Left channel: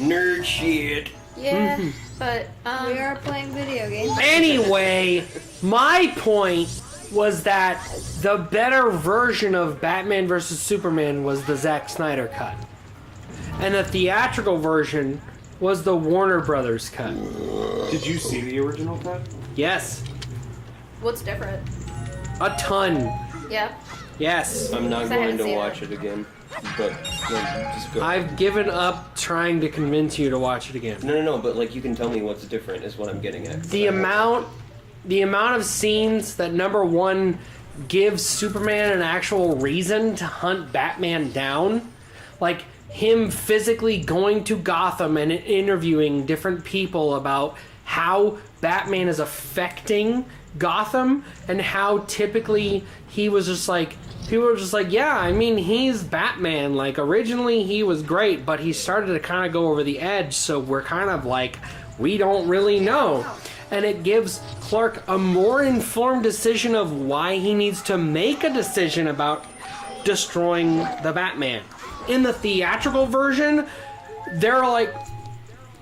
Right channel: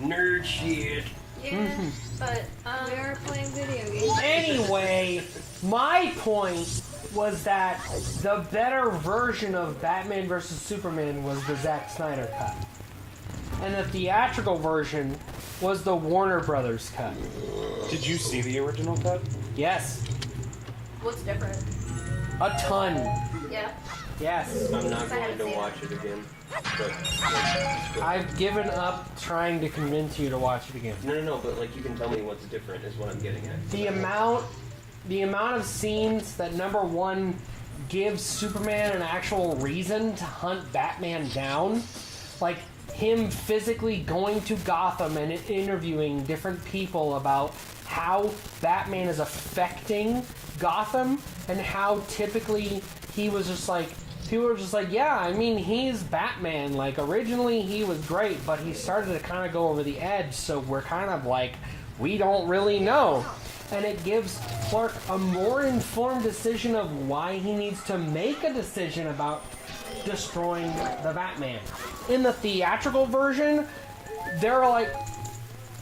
Nerd shit. Yeah, but we are playing video games. Anyway, my point was that the better version of Batman vs. Superman was the Zack Snyder cut. And the theatrical version was the Warner Brothers cut. Did you see the original cut? Yes. what's different? A ton. Yeah. Yes. I'm not I going haven't to seen watch it again. But just go. I've given up trying to convince you to watch it again. No. But like, you can tell me what's different. Is what I'm getting at. The amount of scenes that, number one, gives Superman an actual reason to hunt Batman down, like him physically going to Gotham and interviewing different people about how Batman is affecting Gotham, and how typically people were just like, yeah, I mean, he's Batman. Like, originally he was great, but he started to kind of go over the edge, so we're kind of like, we don't really know. And it gives Clark a more informed decision of why he needs to make a decision about destroying the Batman. In the theatrical version, they're like,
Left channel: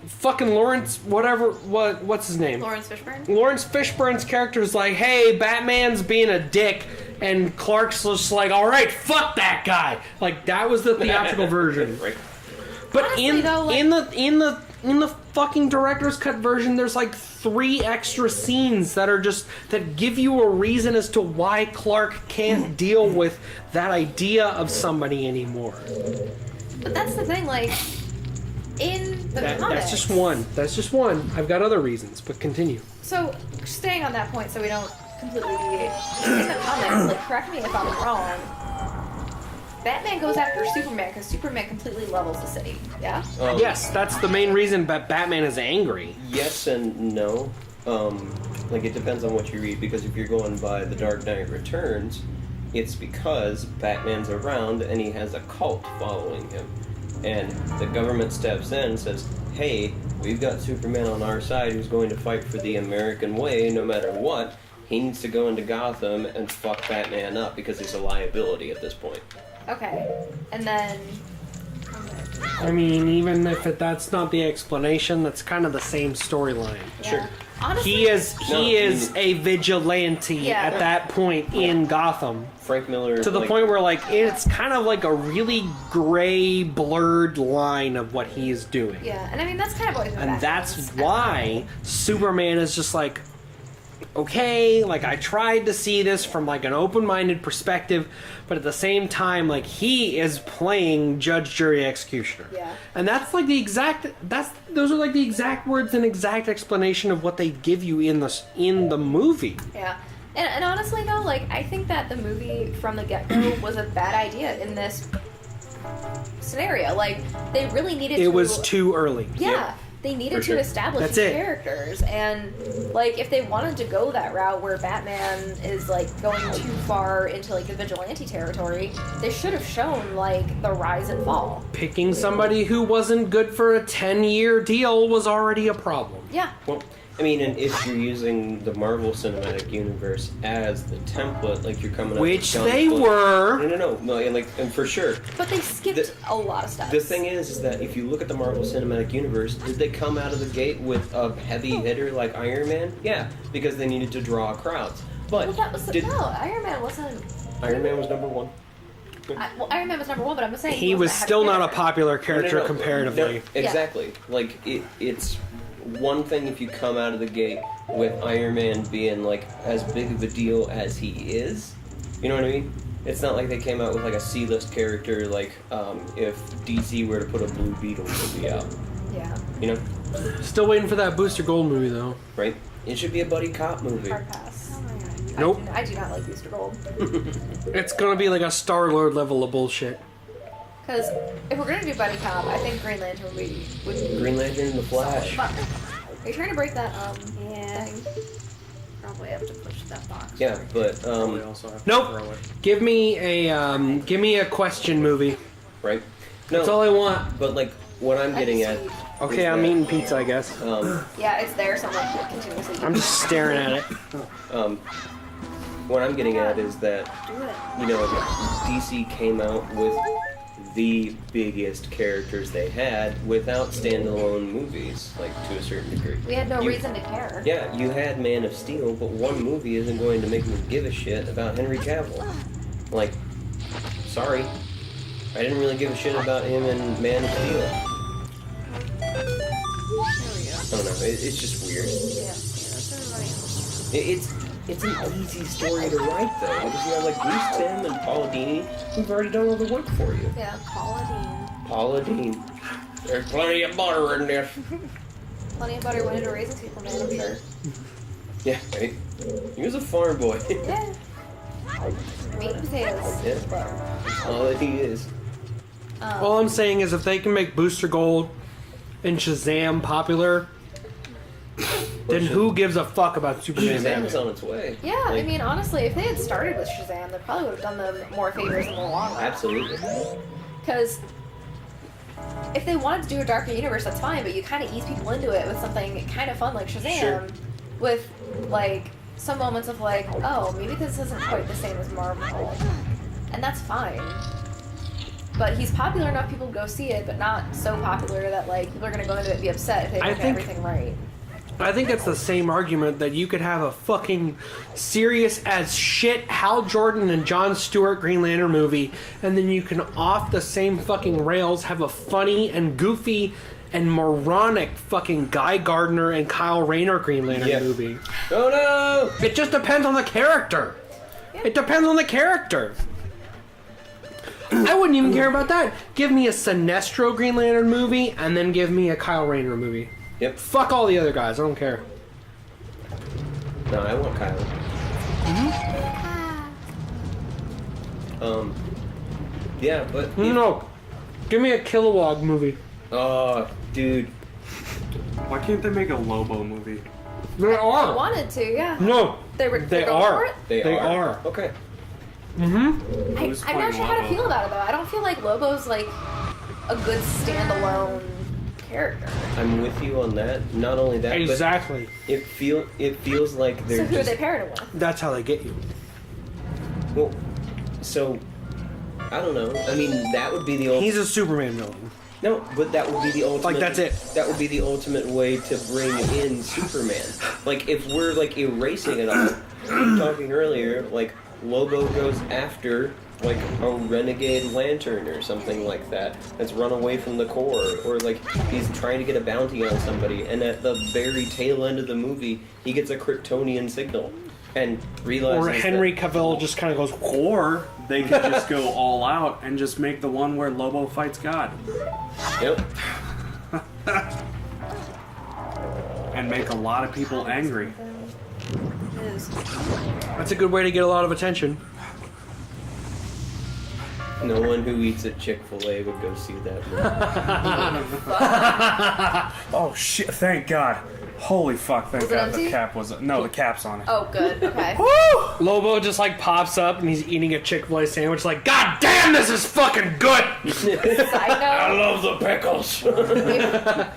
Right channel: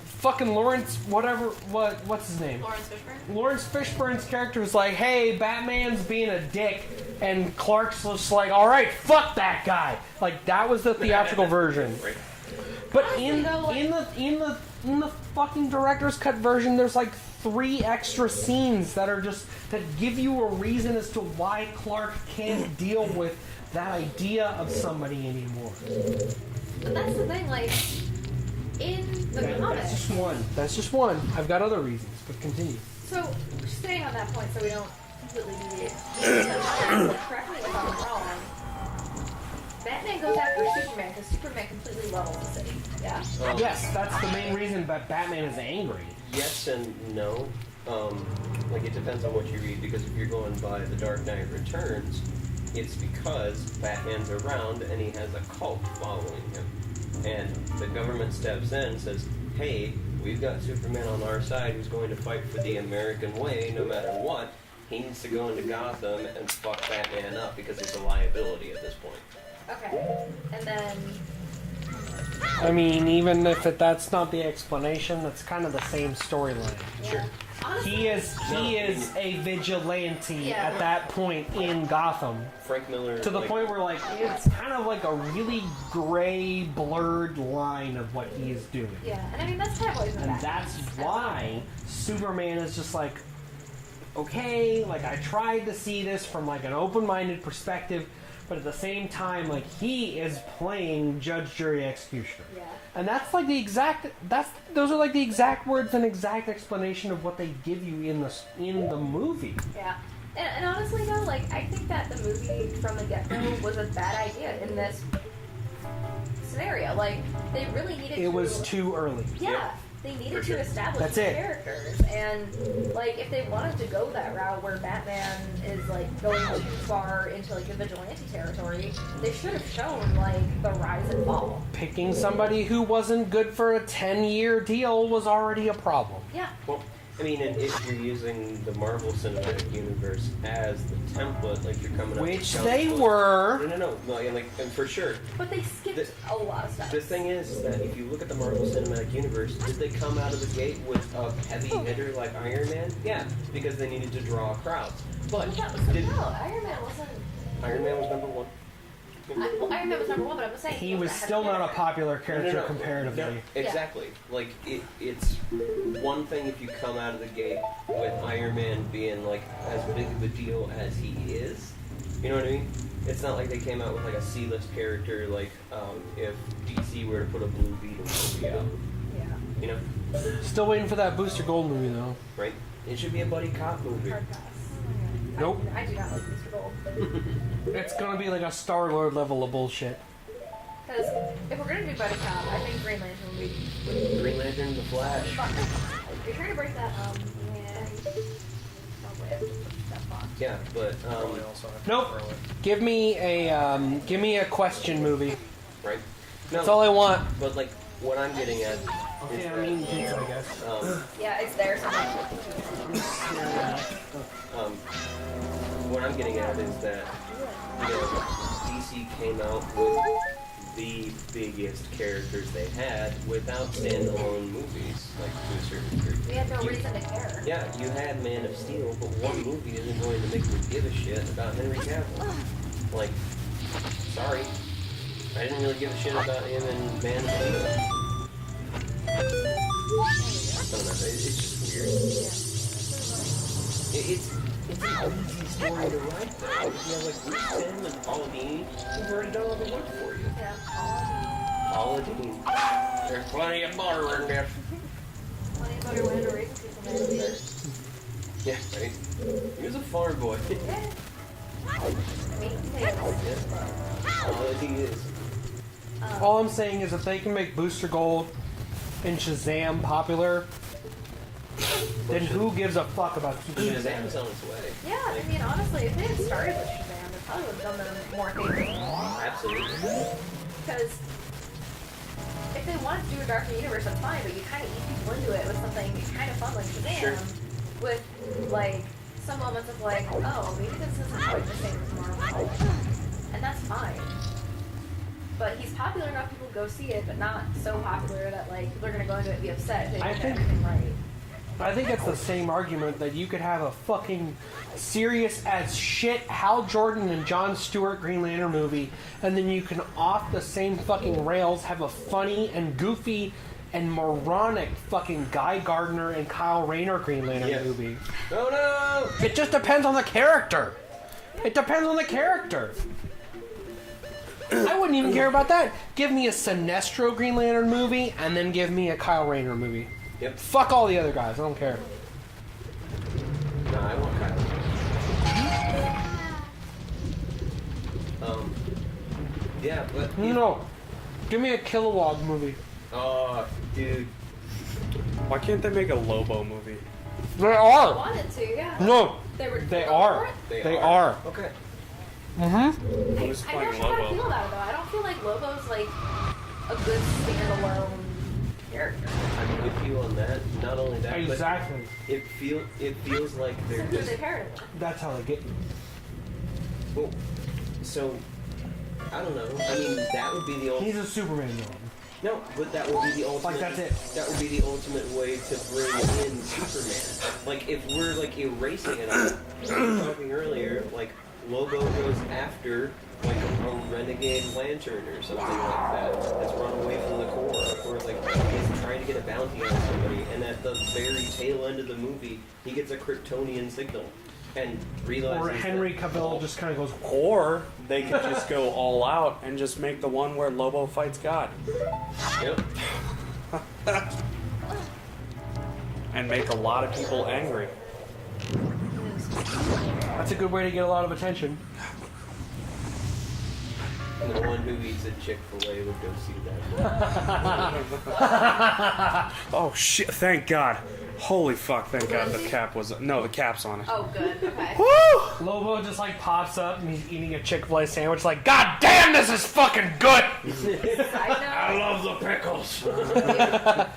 fucking Lawrence, what's his name? Lawrence Fishburne? Lawrence Fishburne's character is like, hey, Batman's being a dick, and Clark's just like, alright, fuck that guy. Like, that was the theatrical version. Right. But Honestly, though, like- in the fucking director's cut version, there's like 3 extra scenes that give you a reason as to why Clark can't deal with that idea of somebody anymore. But that's the thing, like, in the comics... That's just one. That's just one. I've got other reasons, but continue. So, staying on that point so we don't completely deviate, in the comics, like, correct me if I'm wrong, Batman goes after Superman because Superman completely levels the city, yeah? Yes, that's the main reason Batman is angry. Yes and no. Like, it depends on what you read, because if you're going by The Dark Knight Returns, it's because Batman's around and he has a cult following him. And the government steps in and says, hey, we've got Superman on our side who's going to fight for the American way no matter what. He needs to go into Gotham and fuck Batman up because he's a liability at this point. Okay, and then... I mean, even if that's not the explanation, that's kind of the same storyline. Yeah. Sure. Honestly, He is a vigilante at that point in Gotham. Frank Miller... To the point where, like, it's kind of like a really gray, blurred line of what he is doing. Yeah, and I mean, that's kind of always been And Batman's that's why Superman is just like, okay, like, I tried to see this from, like, an open-minded perspective, but at the same time, like, he is playing judge, jury, executioner. Yeah. And that's, like, those are, like, the exact words and exact explanation of what they give you in the movie. Yeah. And honestly, though, like, I think that the movie from the get-go was a bad idea in this scenario. Like, they really needed to... It was too early. Yeah. Yep. They needed For to sure. establish That's the it. characters. And, like, if they wanted to go that route where Batman is, like, going too far into, like, the vigilante territory, they should have shown, like, the rise and fall. Picking somebody who wasn't good for a 10-year deal was already a problem. Yeah. Well, I mean, and if you're using the Marvel Cinematic Universe as the template, like you're coming up Which with they comic were. books- No, yeah, like, and for sure. But they skipped a lot of stuff. The thing is that if you look at the Marvel Cinematic Universe, did they come out of the gate with a heavy hitter like Iron Man? Yeah, because they needed to draw crowds. But Well, that was the did no, Iron Man wasn't... Iron Man was number 1? Well, Iron Man was number 1, but I'm not saying He was wasn't still heavy not a hitter. popular character No, comparatively. exactly. Like, it's one thing if you come out of the gate with Iron Man being, like, as big of a deal as he is. You know what I mean? It's not like they came out with, like, a C-list character, like, if DC were to put a Blue Beetle movie out. Yeah. You know? Still waiting for that Booster Gold movie, though. Right? It should be a buddy cop movie. Hard pass. Nope. I do not like Mr. Gold. It's gonna be like a Star-Lord level of bullshit. Because if we're going to do Buddy Cop, I think Green Lantern would Green Lantern, The Flash. Are you trying to break that Yeah. thing? Probably have to push that box. Yeah, but, Nope. Give me a question movie. right? That's all I want. But, like, what I'm getting at... Okay, is I'm that, eating pizza, I guess. Yeah, it's there somewhere. Continuously. I'm just staring at it. What I'm getting at is that, you know, DC came out with the biggest characters they had without standalone movies, like to a certain degree. We had no You- reason to care. Yeah, you had Man of Steel, but one movie isn't going to make me give a shit about Henry Cavill. Like, sorry. I didn't really give a shit about him in Man of Steel. I don't know, it's just weird. It's an easy story to write, though. You know, like Bruce Timm and Paula Dini, who've already done all the work for you. Yeah. Paula Dini. There's plenty of butter in this. Plenty of butter went into raising people, man, I'm sure. Yeah, right? He was a farm boy. Yeah. I mean, potatoes. All he is. All I'm saying is if they can make Booster Gold and Shazam popular, then who gives a fuck about Superman? Shazam's on its way. Yeah, I Like, mean, honestly, if they had started with Shazam, they probably would have done them more favors in the long run. absolutely. Because if they wanted to do a darker universe, that's fine, but you kind of ease people into it with something kind of fun like Shazam, Sure. with, like, some moments of, like, oh, maybe this isn't quite the same as Marvel. And that's fine. But he's popular enough people to go see it, but not so popular that, like, people are going to go into it and be upset if they I don't get think- everything right. I think it's the same argument that you could have a fucking serious as shit Hal Jordan and Jon Stewart Green Lantern movie, and then you can off the same fucking rails have a funny and goofy and moronic fucking Guy Gardner and Kyle Rayner Green Lantern Yeah. movie. Oh no! It just depends on the character. It depends on the character. I wouldn't even care about that. Give me a Sinestro Green Lantern movie, and then give me a Kyle Rayner movie. Yep. Fuck all the other guys. I don't care. No, I want Kylo. Yeah, but No. Give me a Kilowog movie. oh, dude, Why can't they make a Lobo movie? They I are. wanted to, yeah. No. They were They going are. for it? they are. Okay. Mm-hmm. I'm Who's not playing sure how to Lobo? feel about it though. I don't feel like Lobo's like a good standalone character. I'm with you on that. Not only that, Exactly. but it feels like So they're who are just they paired it with? That's how they get you. well. So I don't know. I mean, that would be the ultimate. He's a Superman villain. No, but that would be the ultimate. Like, that's it. That would be the ultimate way to bring in Superman. Like, if we're like erasing it all, we were talking earlier, like Lobo goes after like a renegade lantern or something like that that's run away from the Corps, or like he's trying to get a bounty on somebody, and at the very tail end of the movie, he gets a Kryptonian signal and realizes. Or Henry Cavill just kind of goes, Or they could just go all out and just make the one where Lobo fights God. Yep. And make a lot of people angry. that's a good way to get a lot of attention. No one who eats at Chick-fil-A would go see that. Oh shit, thank God. Holy fuck, thank it God on the tape? cap was... No, the cap's on it. Oh, good. Okay. Woo! Lobo just like pops up and he's eating a Chick-fil-A sandwich like, God damn, this is fucking good! Side note, love the pickles.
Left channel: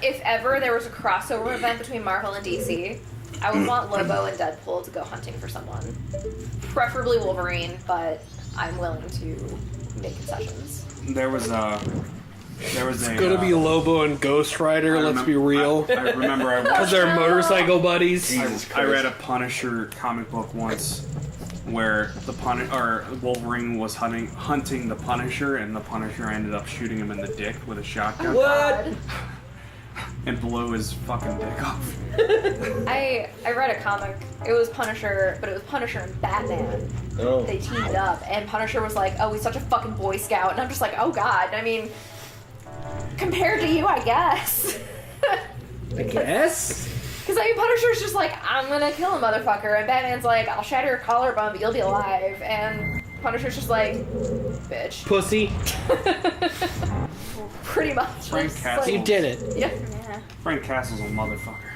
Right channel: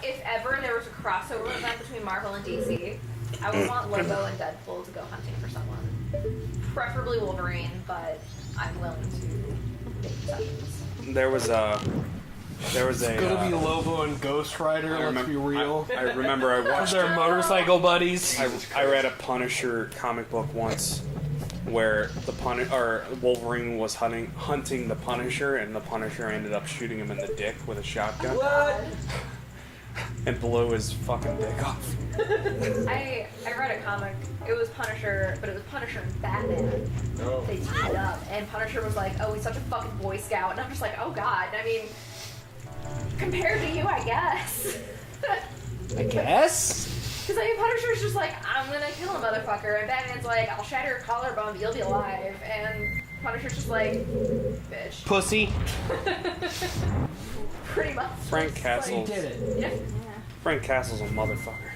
if ever there was a crossover event between Marvel and DC, I would want Lobo and Deadpool to go hunting for someone. Preferably Wolverine, but I'm willing to make concessions. There was a... It's gonna be Lobo and Ghost Rider, let's be real. I remember I watched... They're motorcycle buddies. I read a Punisher comic book once where Wolverine was hunting the Punisher, and the Punisher ended up shooting him in the dick with a shotgun What? and blew his fucking dick off. I read a comic. It was Punisher, but it was Punisher and Batman. Oh. They teamed up, and Punisher was like, "Oh, he's such a fucking Boy Scout," and I'm just like, "Oh God." I mean, compared to you, I guess. I guess? Because I mean, Punisher's just like, "I'm gonna kill a motherfucker," and Batman's like, "I'll shatter your collarbone, but you'll be alive," and Punisher's just like, "Bitch." Pussy. Pretty much. Frank Just Castle. You like, did it. Yeah. Frank Castle's a motherfucker.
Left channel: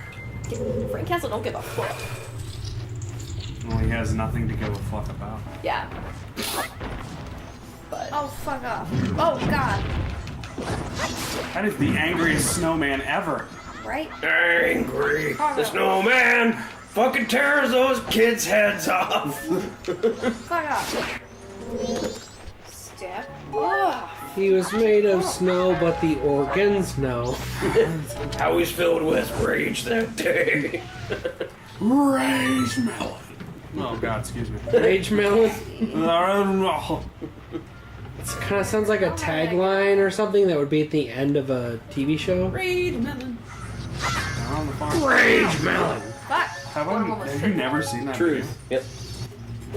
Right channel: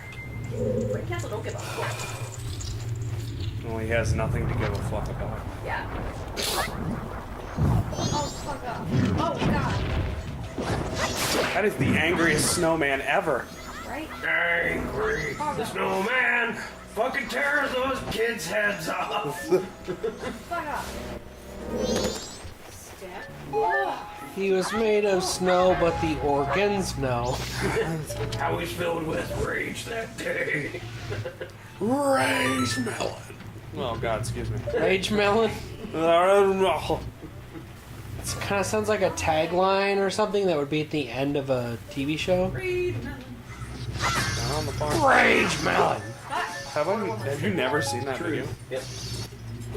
Frank Castle don't give a fuck. Well, he has nothing to give a fuck about. Yeah. Oh, fuck off. Oh, God. That is the angriest snowman ever. Right? Angry. The snowman fucking tears those kids' heads off. Fuck off. Step. Whoa. He was made of snow, but the organs, no. I was filled with rage that day. Rage melon. Oh God, excuse me. Rage melon? No. It kind of sounds like a tagline or something that would be at the end of a TV show. Rage melon. On the farm. Rage melon! Have you never seen that video? Yep.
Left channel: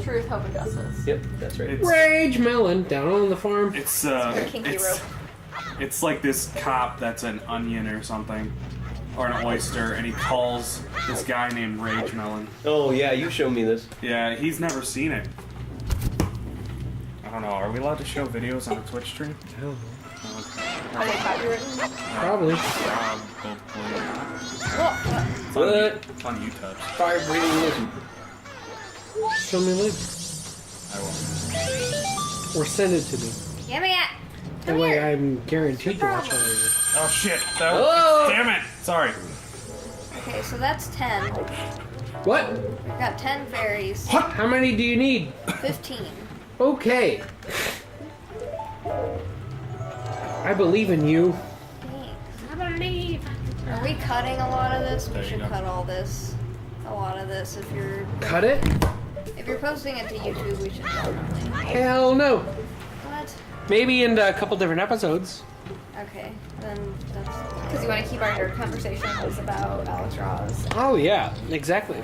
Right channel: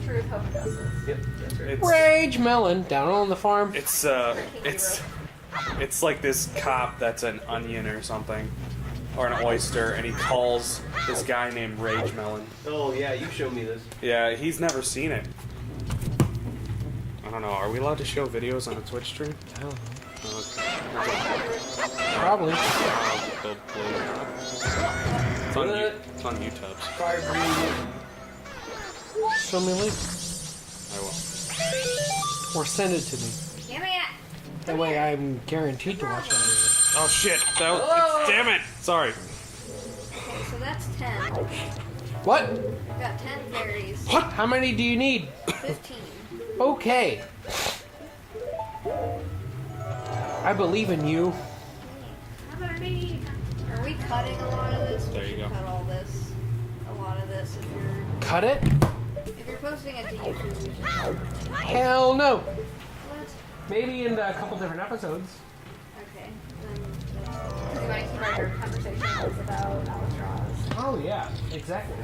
Truth, hope, and justice. Yep, that's right. Rage melon, down on the farm. It's kinky it's like this cop that's an onion or something, or an oyster, and he calls this guy named Rage Melon. Oh yeah, you showed me this. Yeah, he's never seen it. I don't know. Are we allowed to show videos on a Twitch stream? Oh, okay. Probably. It's on YouTube. Fire breathing. Show me a link. I will. Or send it to me. Give me it. That way I'm guaranteed to watch it later. Oh shit! Damn it! Sorry. Okay, so that's 10. What? Got 10 fairies. What? How many do you need? 15. Okay. I believe in you. I believe. Are we cutting a lot of this? There We you should go. cut all this. A lot of this. Cut it? If you're posting it to YouTube, we should cut it. Hell no. What? Maybe in a couple different episodes. Okay, then that's... Because you want to keep our nerd conversations about Alex Ross. Oh yeah, exactly.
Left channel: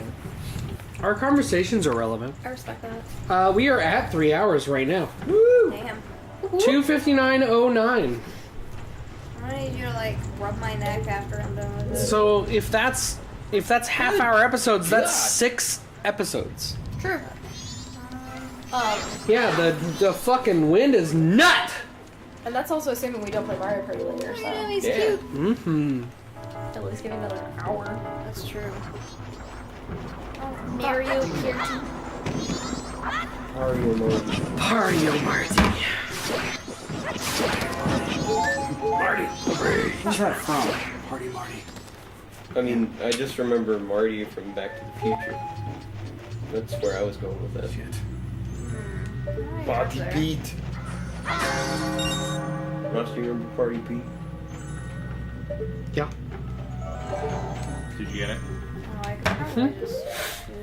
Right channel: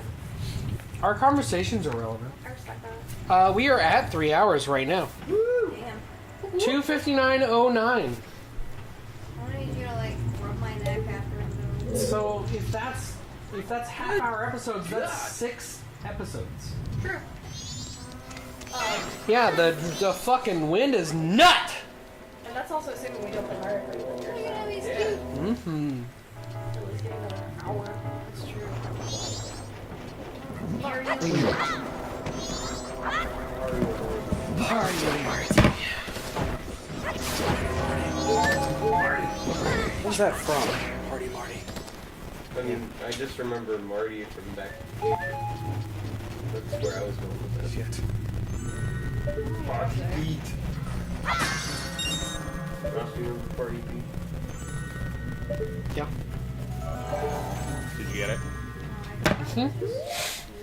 Our conversations are relevant. I respect that. We are at 3 hours right now. Damn. 2:59:09. I need you to, like, rub my neck after I'm done with this. So if that's half-hour episodes, that's 6 episodes. True. Yeah, the fucking wind is nut. And that's also assuming we don't play Mario Kart later, You know, so he's Yeah. cute. Mm-hmm. at least get another hour. That's true. Mario. Mario Marty. Where's that from? Party Marty. I mean, I just remember Marty from Back to the Future. That's where I was going with that. Shit. Party Pete. Ross, do you remember Party Pete? Yeah. Did you get it? Oh, I could probably just do it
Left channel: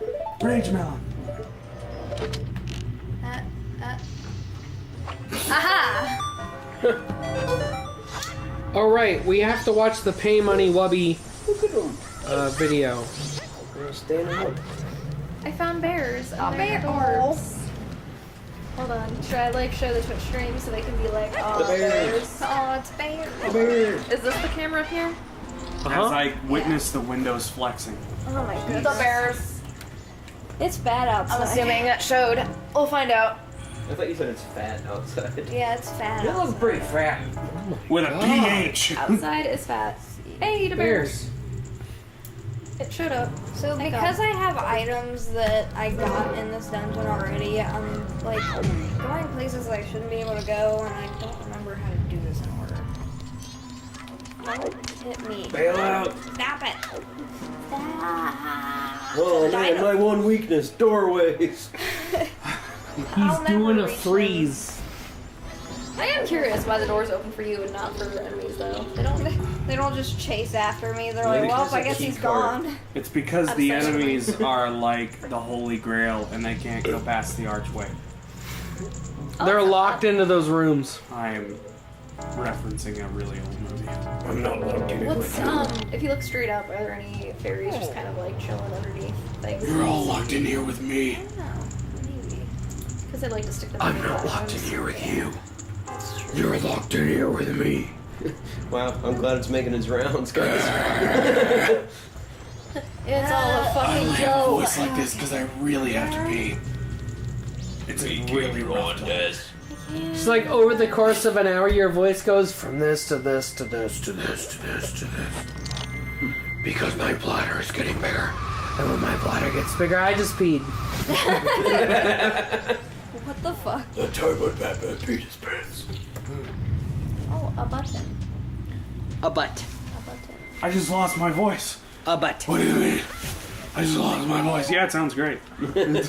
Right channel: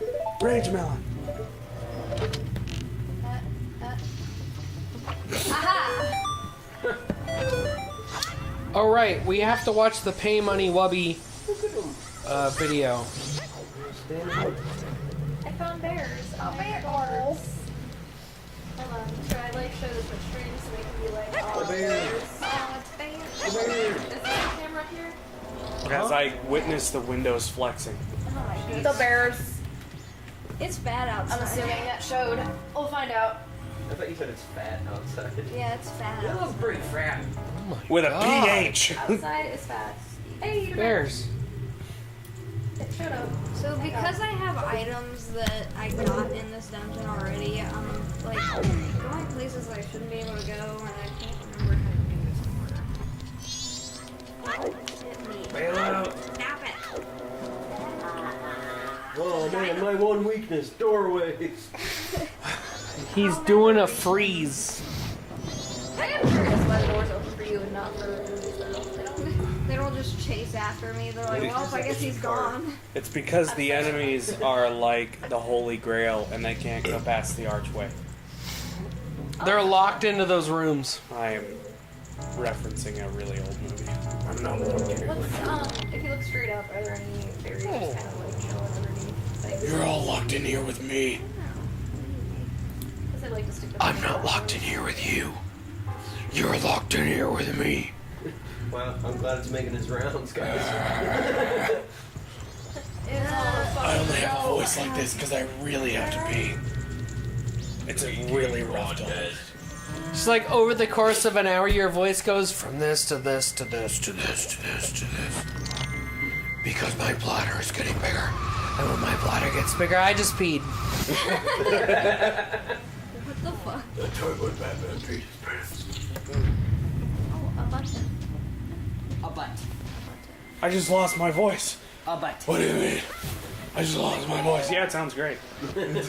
in here. Rage Melon. Aha! All right, we have to watch the Pay Money Wubby video. I found bears. Oh, bears. Hold on. Should I like show the Twitch stream so they can be like, oh, bears. Oh, it's bear. Is this the camera up here? As I witnessed the windows flexing. Oh my goodness. The bears. It's bad outside. I'm assuming that showed. We'll find out. I thought you said it's fat outside. Yeah, it's fat. It looks pretty fat. With a PH. Outside is fat. Hey, the bears. Bears. It showed up. So Thank because God. I have items that I got in this dungeon already, I'm like going places I shouldn't be able to go, and I can't remember how to do this in order. Hit me. Bail out. Stop it. Oh man, my one weakness, doorways. He's doing a freeze. I am curious why the door's open for you and not for enemies, though. They don't just chase after me. They're like, well, I guess he's gone. It's because the That's so enemies are like the Holy Grail and they can't go past the archway. They're locked into those rooms. I am referencing a really old movie. I'm not looking. What's if you look straight up, are there any fairies just kind of like chilling underneath? Like, You're all locked in here with me. because they like to stick. Their I'm not locked in here with you. You're locked in here with me. Wow, I'm glad it's making its rounds, guys. It's all a fucking I only have a joke. voice like this because I really have to pee. It's a really rough day. It's like over the course of an hour, your voice goes from this to this to this to this to this to this. Because my bladder is getting bigger. And when my bladder gets bigger, I just peed. What the fuck? The time when Batman peed his pants. Oh, a button. A butt. A button. I just lost my voice. A butt. What do you mean? I just lost my voice. Yeah, it sounds great. I'm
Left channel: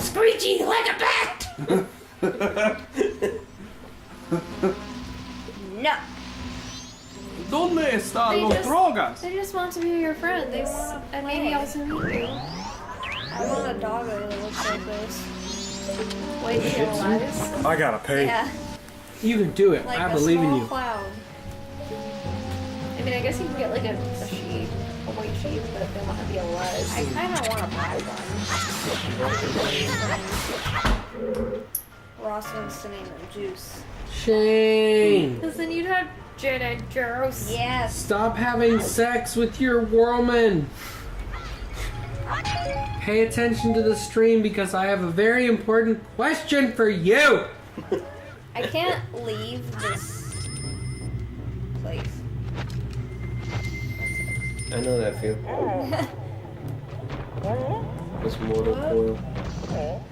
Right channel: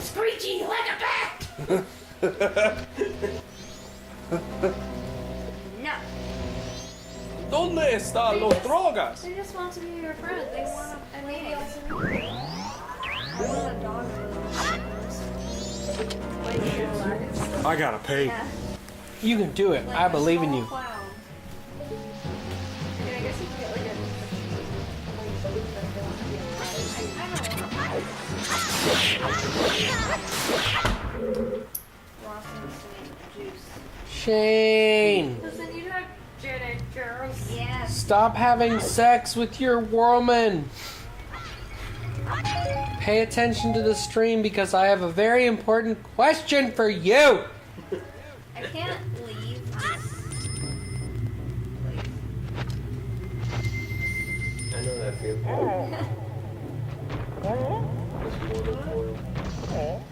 screeching like a bat. No. ¿Dónde están They los just- drogas? They just want to be your friends. They wanna and play. maybe also meet you. I want a dog that looks like this. Wait, you realize? I gotta pay. Yeah. You can do it. Like I a believe in small you. Cloud. I mean, I guess you could get like a sheep, a white sheep, but they don't have to be alive. I kind of want to buy one. Ross wants to name it Juice. Shane, Because then you'd have Janet Juice. Yes. stop having sex with your woman. Pay attention to the stream because I have a very important question for you. I can't leave this place. I know that feel. This mortal coil.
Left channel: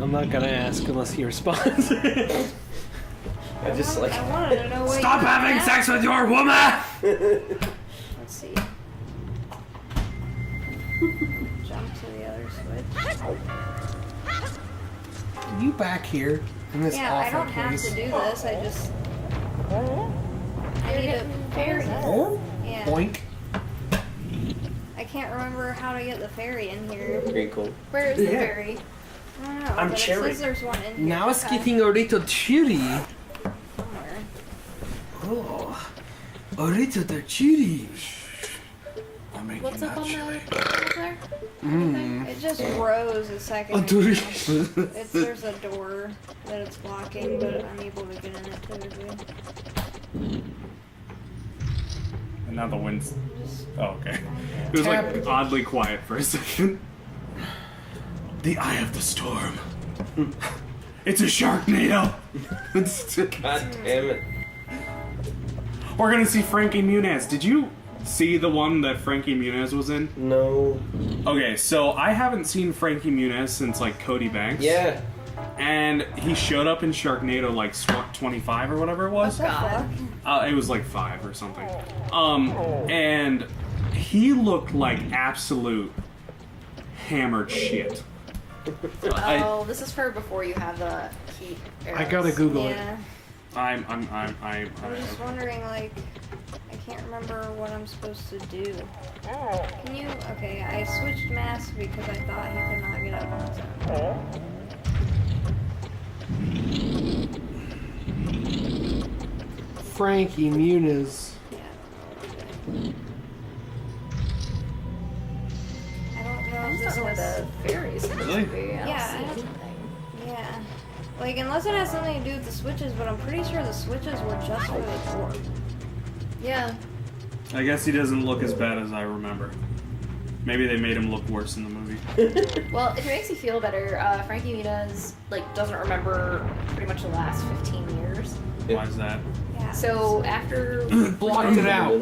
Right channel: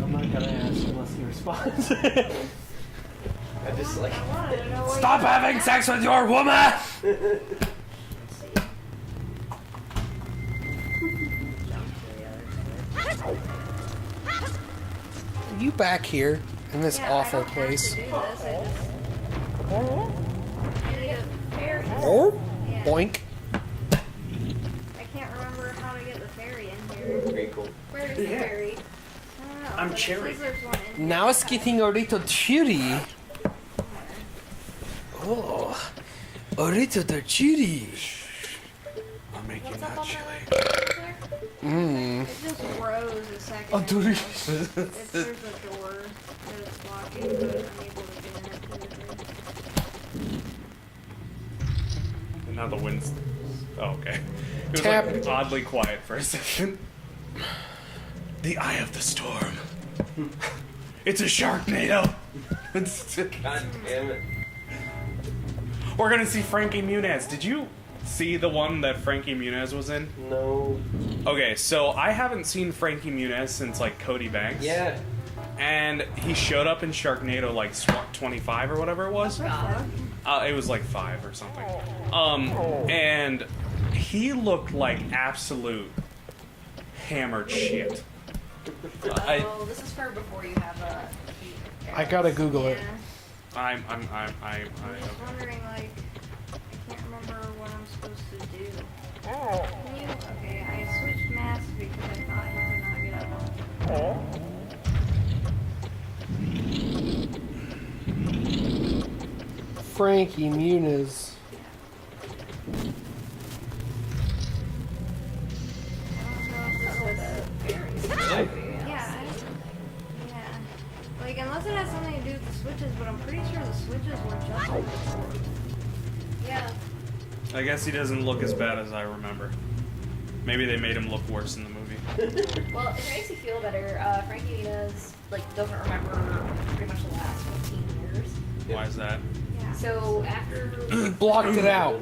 I'm not gonna ask unless he responds. I just like. I wanted to know what Stop you having meant. sex with your woman! Let's see. Jump to the other side. You back here in this Yeah, awful I don't place. have to do this. I just. I need a ferry. Oh, Yeah. boink. I can't remember how to get the ferry in here. Pretty cool. Where is the ferry? I don't know. I'm but it Cherry. says there's one in here. Now it's getting a little chilly. Oh, a little chilly. I'm making What's up that on chili. there? Mmm. It just rose a second. Oh, ago. dude. There's a door that it's blocking, but I'm able to get in it clearly. And now the wind's. Oh, okay. It was Tap. like oddly quiet for a second. The eye of the storm. It's a Sharknado. God damn it. We're gonna see Frankie Muniz. Did you see the one that Frankie Muniz was in? No. Okay, so I haven't seen Frankie Muniz since like Cody Banks. Yeah. And he showed up in Sharknado like SWAT 25 or whatever it was. God. It was like 5 or something. And he looked like absolute hammered shit. Oh, this is for before you have heat. I gotta Google it. Yeah. I'm I'm just wondering, like, I can't remember what I'm supposed to do. Can you? Okay, I switched masks because I thought he could not get up. Frankie Muniz. I don't know if This this was was. the fairies. Yeah, yeah. Like, unless it has something to do with the switches, but I'm pretty sure the switches were just the way they were. Yeah. I guess he doesn't look as bad as I remember. Maybe they made him look worse in the movie. Well, if it makes you feel better, Frankie Muniz doesn't remember pretty much the last 15 years. Why is that? Yeah. So after Blocked it out.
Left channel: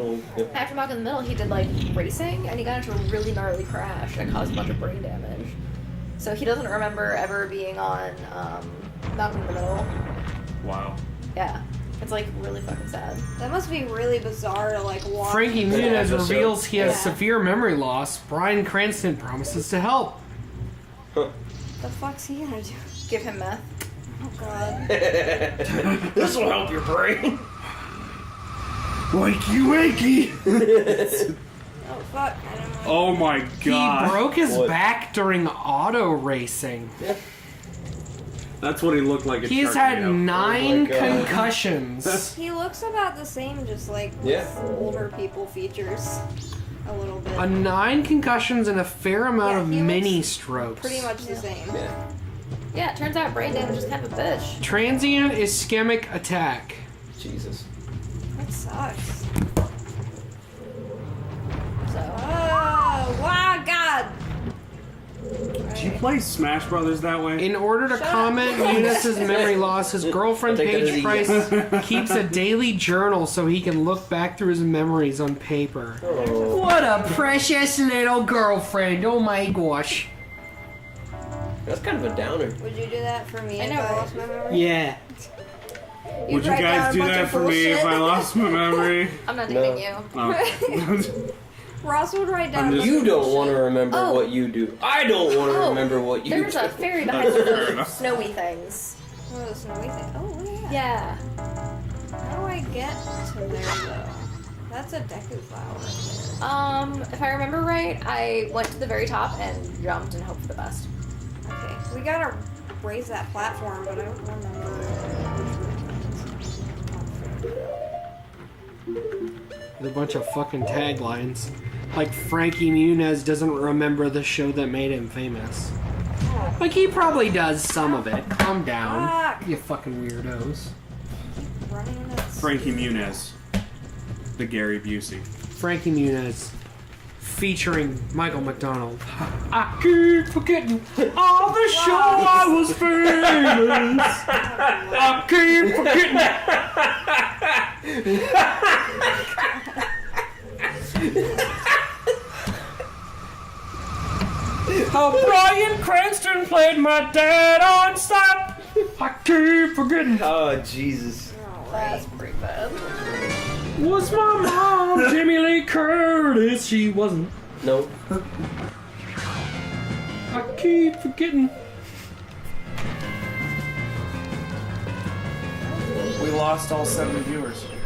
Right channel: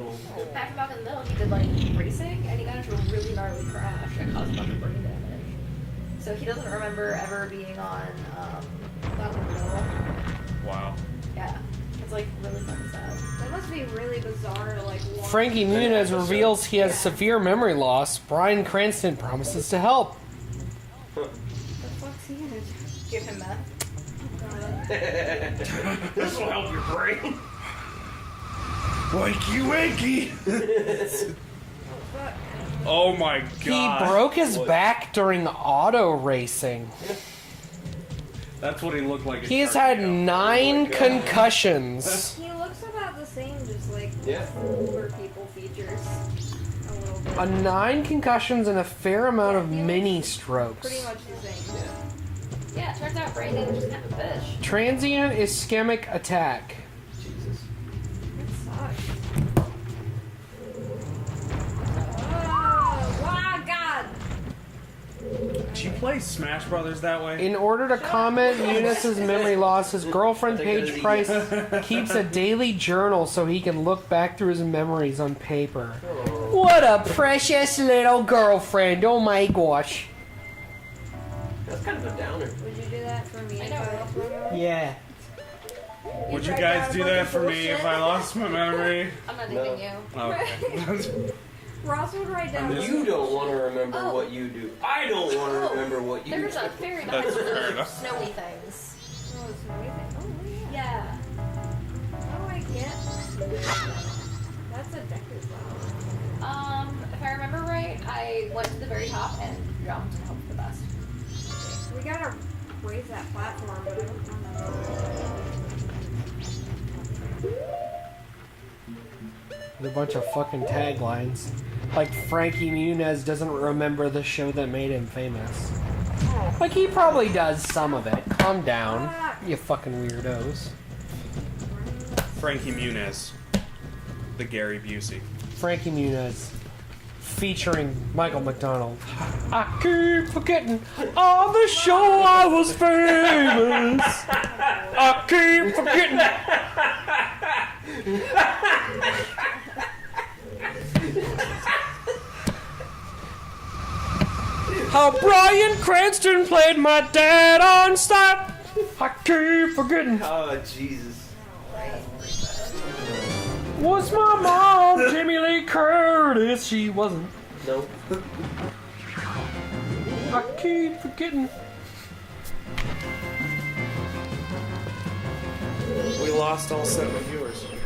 after Back in the Middle, he did racing, and he got into a really gnarly crash that caused a bunch of brain damage. So he doesn't remember ever being on Back in the Middle. Wow. Yeah, it's really fucking sad. That must be really bizarre to watch. Frankie Muniz reveals he has Yeah. severe memory loss. Bryan Cranston promises to help. The fuck's he gonna do? Give him meth. Oh god. This will help your brain. Wakey wakey! Oh fuck. Oh my He god. broke his What? back during auto racing. That's what he looked like. He has had 9 God. concussions. He looks about the same, just with Yeah. older people features. A little bit. 9 concussions and a fair amount Yeah, of he looks mini strokes. Pretty much the same. Yeah. Yeah, it turns out brain damage is kind of a bitch. Transient ischemic attack. Jesus. That sucks. So, Oh, wow, God! Did you play Smash Brothers that way? In order to comment Muniz's memory loss, his girlfriend Take that as Paige a Price keeps a daily journal so he can look back through his memories on paper. Oh. What a precious little girlfriend! Oh my gosh. That's kind of a downer. Would you do that for me I if know, I right? lost my memory? Yeah. Would you write down guys a do bunch that of for me if I bullshit? lost my memory? I'm not No. dating you. Okay. Ross would write down. You don't want to remember Oh. what you do. I don't want to remember what you There's do. a fairy behind the snowy things. Oh, snowy thing. Oh, yeah. Yeah. How do I get to there? That's a Deku flower. If I remember right, I went to the very top and jumped and hoped for the best. Okay, so we gotta raise that platform, but I don't remember. There's a bunch of fucking taglines. Like Frankie Muniz doesn't remember the show that made him famous. Like he probably does some of it. Calm down, you fucking weirdos. Frankie Muniz, the Gary Busey. Frankie Muniz, featuring Michael McDonald. I keep forgetting on the show I was famous. I keep forgetting. How Bryan Cranston played my dad on set. I keep forgetting. Oh, Jesus. That's pretty bad. Was my mom Jamie Lee Curtis? She wasn't. Nope. I keep forgetting. We lost all 70 viewers. Did we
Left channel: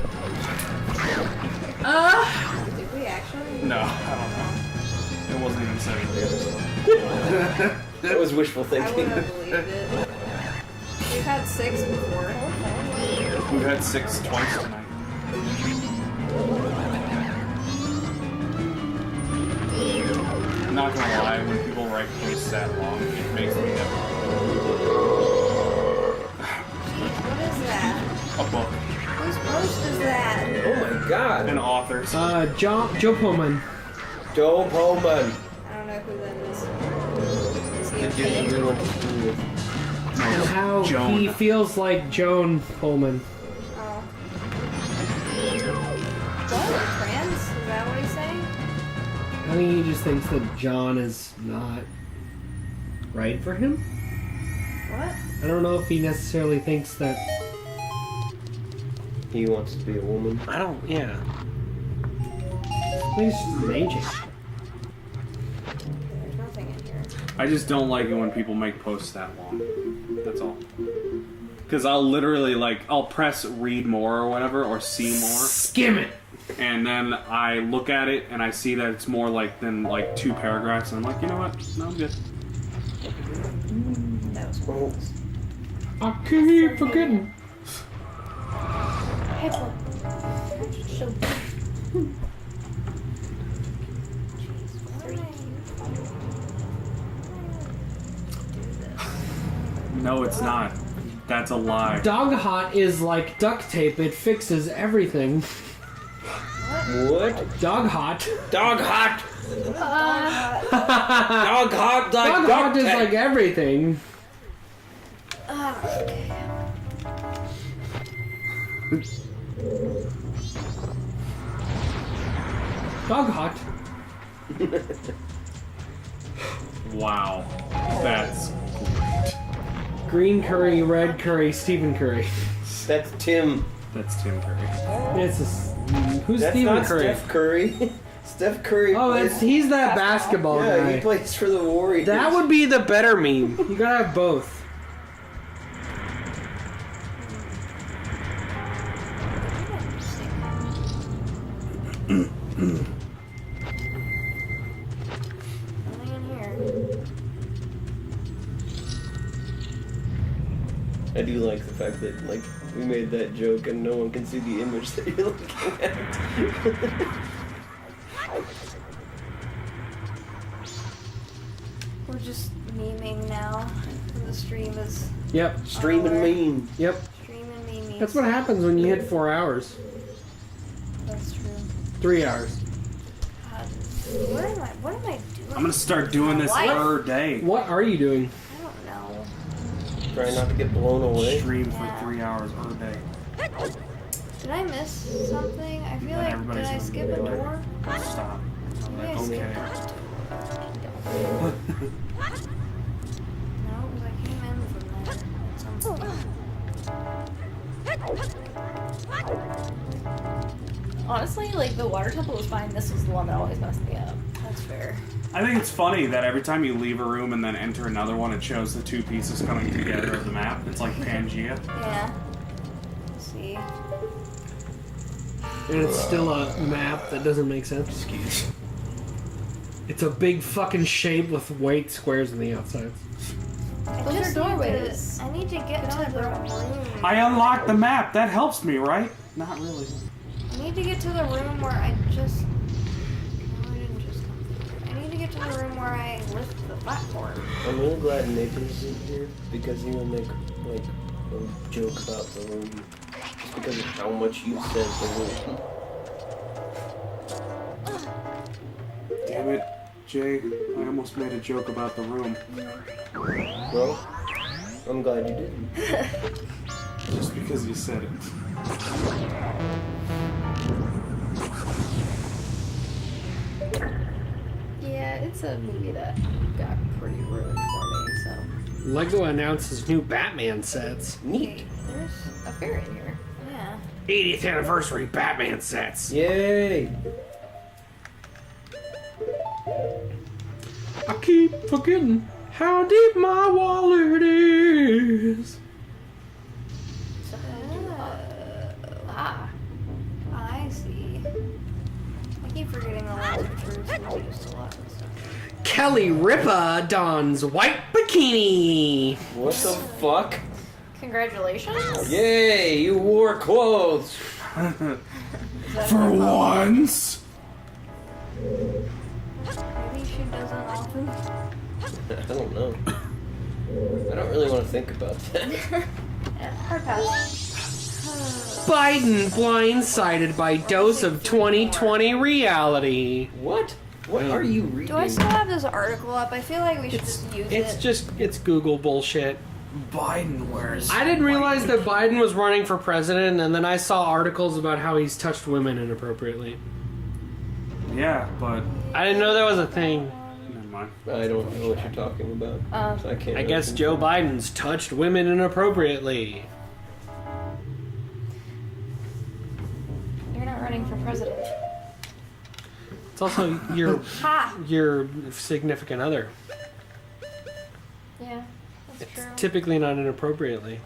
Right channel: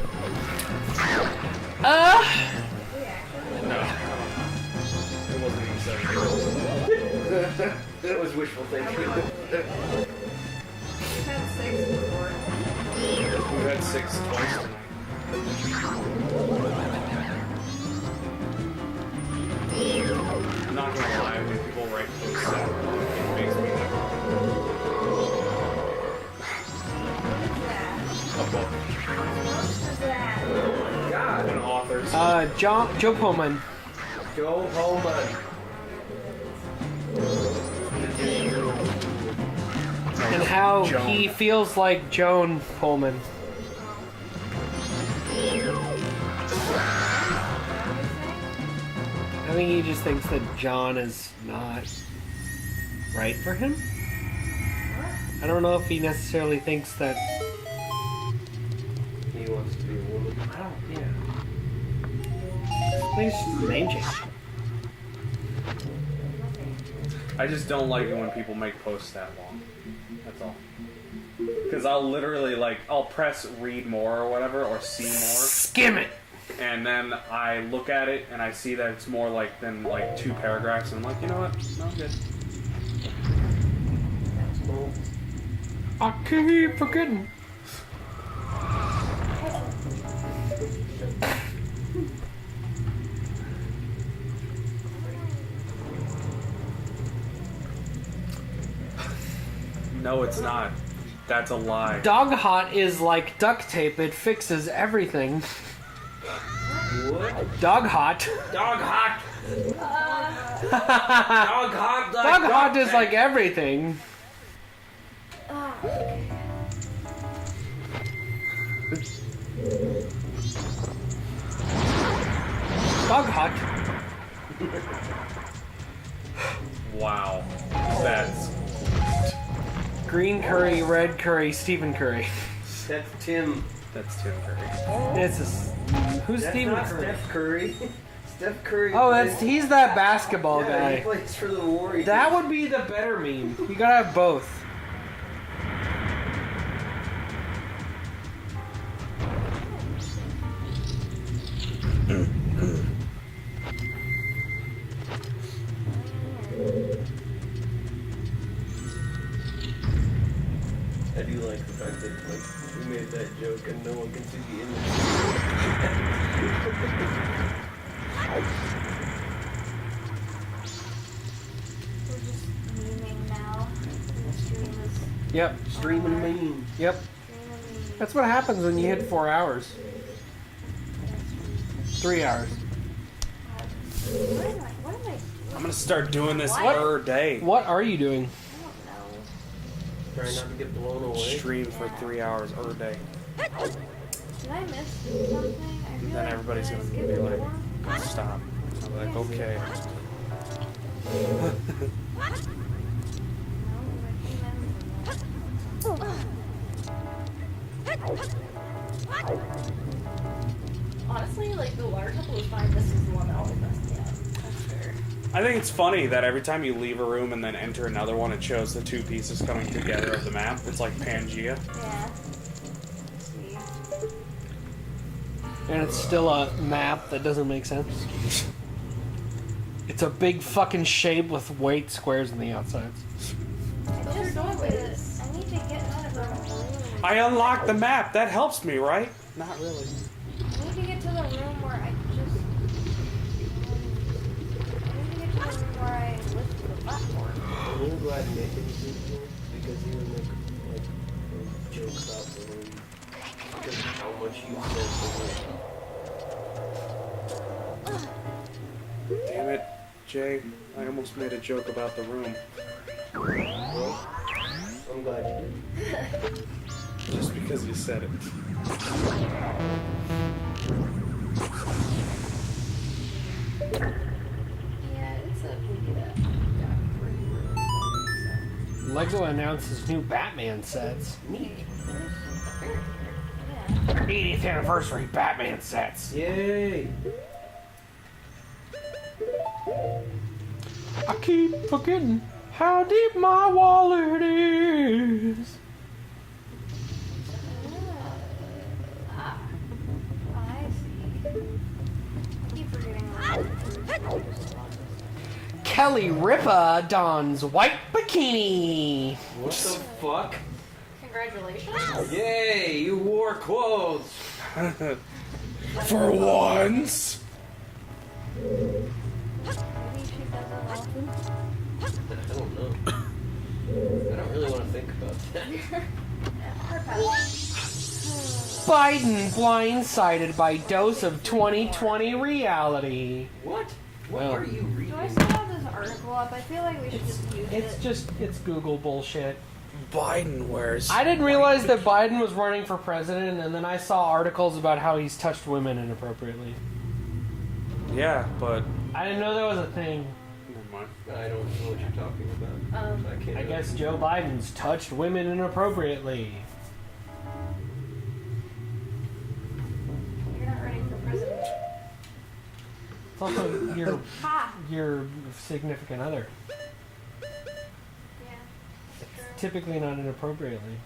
actually? No, I don't know. It wasn't even 70 viewers. That was wishful I thinking. wouldn't have believed it. We've had 6 before. We've had 6 twice tonight. I'm not gonna lie, when people write posts that long, it makes me happy. What is that? A book. Whose post is that? Oh my God. An author's. Joe Pullman. Joe Pullman. I don't know who that is. And how Joan. he feels like Joan Pullman. Oh. Is that what he's saying? I think he just thinks that John is not right for him. What? I don't know if he necessarily thinks that. He wants to be a woman. I don't. Yeah. I think it's just a name change. Nothing in here. I just don't like it when people make posts that long. That's all. Because I'll literally, I'll press read more or whatever, or see more, Skim it. and then I look at it and I see that it's more than 2 paragraphs, and I'm like, you know what? No, I'm good. That was Oh, I keep forgetting. No, it's not. That's a lie. Dog hot is like duct tape. It fixes everything. what? Dog hot. Dog hot. Dog hot. Like Dog hot is tape. like everything. okay. Dog hot. Wow. That's Green curry, red curry, Stephen Curry. That's Tim. Tim Curry. It's who's That's Stephen not Curry? Steph Curry. Steph Curry. Oh, plays- he's that basketball yeah, he guy. plays for the Warriors. That would be the better meme. You gotta have both. I do like the fact that we made that joke and no one can see the image that we were looking at. We're just memeing now. The stream is Yep. Streaming meme. Yep. streaming memes. That's what happens when you hit 4 hours. That's true. 3 hours. What am I doing? I'm gonna start doing this per day. What are you doing? I don't know. Try not to get blown away. Stream for 3 hours per day. Did I miss something? I feel Then like everybody's did I gonna skip be a like, door? stop. I'm like, Yes. okay. No, I came in. Honestly, like the water temple was fine. This is the one that always messed me up. That's fair. I think it's funny that every time you leave a room and then enter another one, it shows the two pieces coming together of the map. It's like Pangea. Yeah. Let's see. And it's still a map that doesn't make sense. It's a big fucking shape with white squares on the outsides. Those are doorways. I need to get to the room. I unlocked the map. That helps me, right? Not really. I need to get to the room where I just. I need to get to the room where I lift the platform. I'm really glad Nathan's in here because he would make like a joke about the room because of how much you said the room. Damn it, Jay. I almost made a joke about the room. Well, I'm glad you did. Just because you said it. Yeah, it's a movie that got pretty ruined for me, so. Lego announces new Batman sets. Neat. There's a fairy here. Yeah. 80th anniversary Batman sets. Yay! I keep forgetting how deep my wallet is. Ah. I see. I keep forgetting the last Kelly Ripa dons white bikini. What the fuck? Congratulations. Yay! You wore clothes. For once. Maybe she doesn't often. I don't know. I don't really want to think about that. Yeah, hard pass. Biden blindsided by dose of 2020 reality. What? What are you reading? Do I still have this article up? I feel like we should just use it. It's Google bullshit. Biden wears. I didn't realize that Biden was running for president, and then I saw articles about how he's touched women inappropriately. Yeah, but I didn't know that was a thing. never mind. I don't know what you're talking about. I can't. I guess Joe Biden's touched women inappropriately. You're not running for president. It's also your Ha! your significant other. Yeah, that's true. Typically not inappropriately.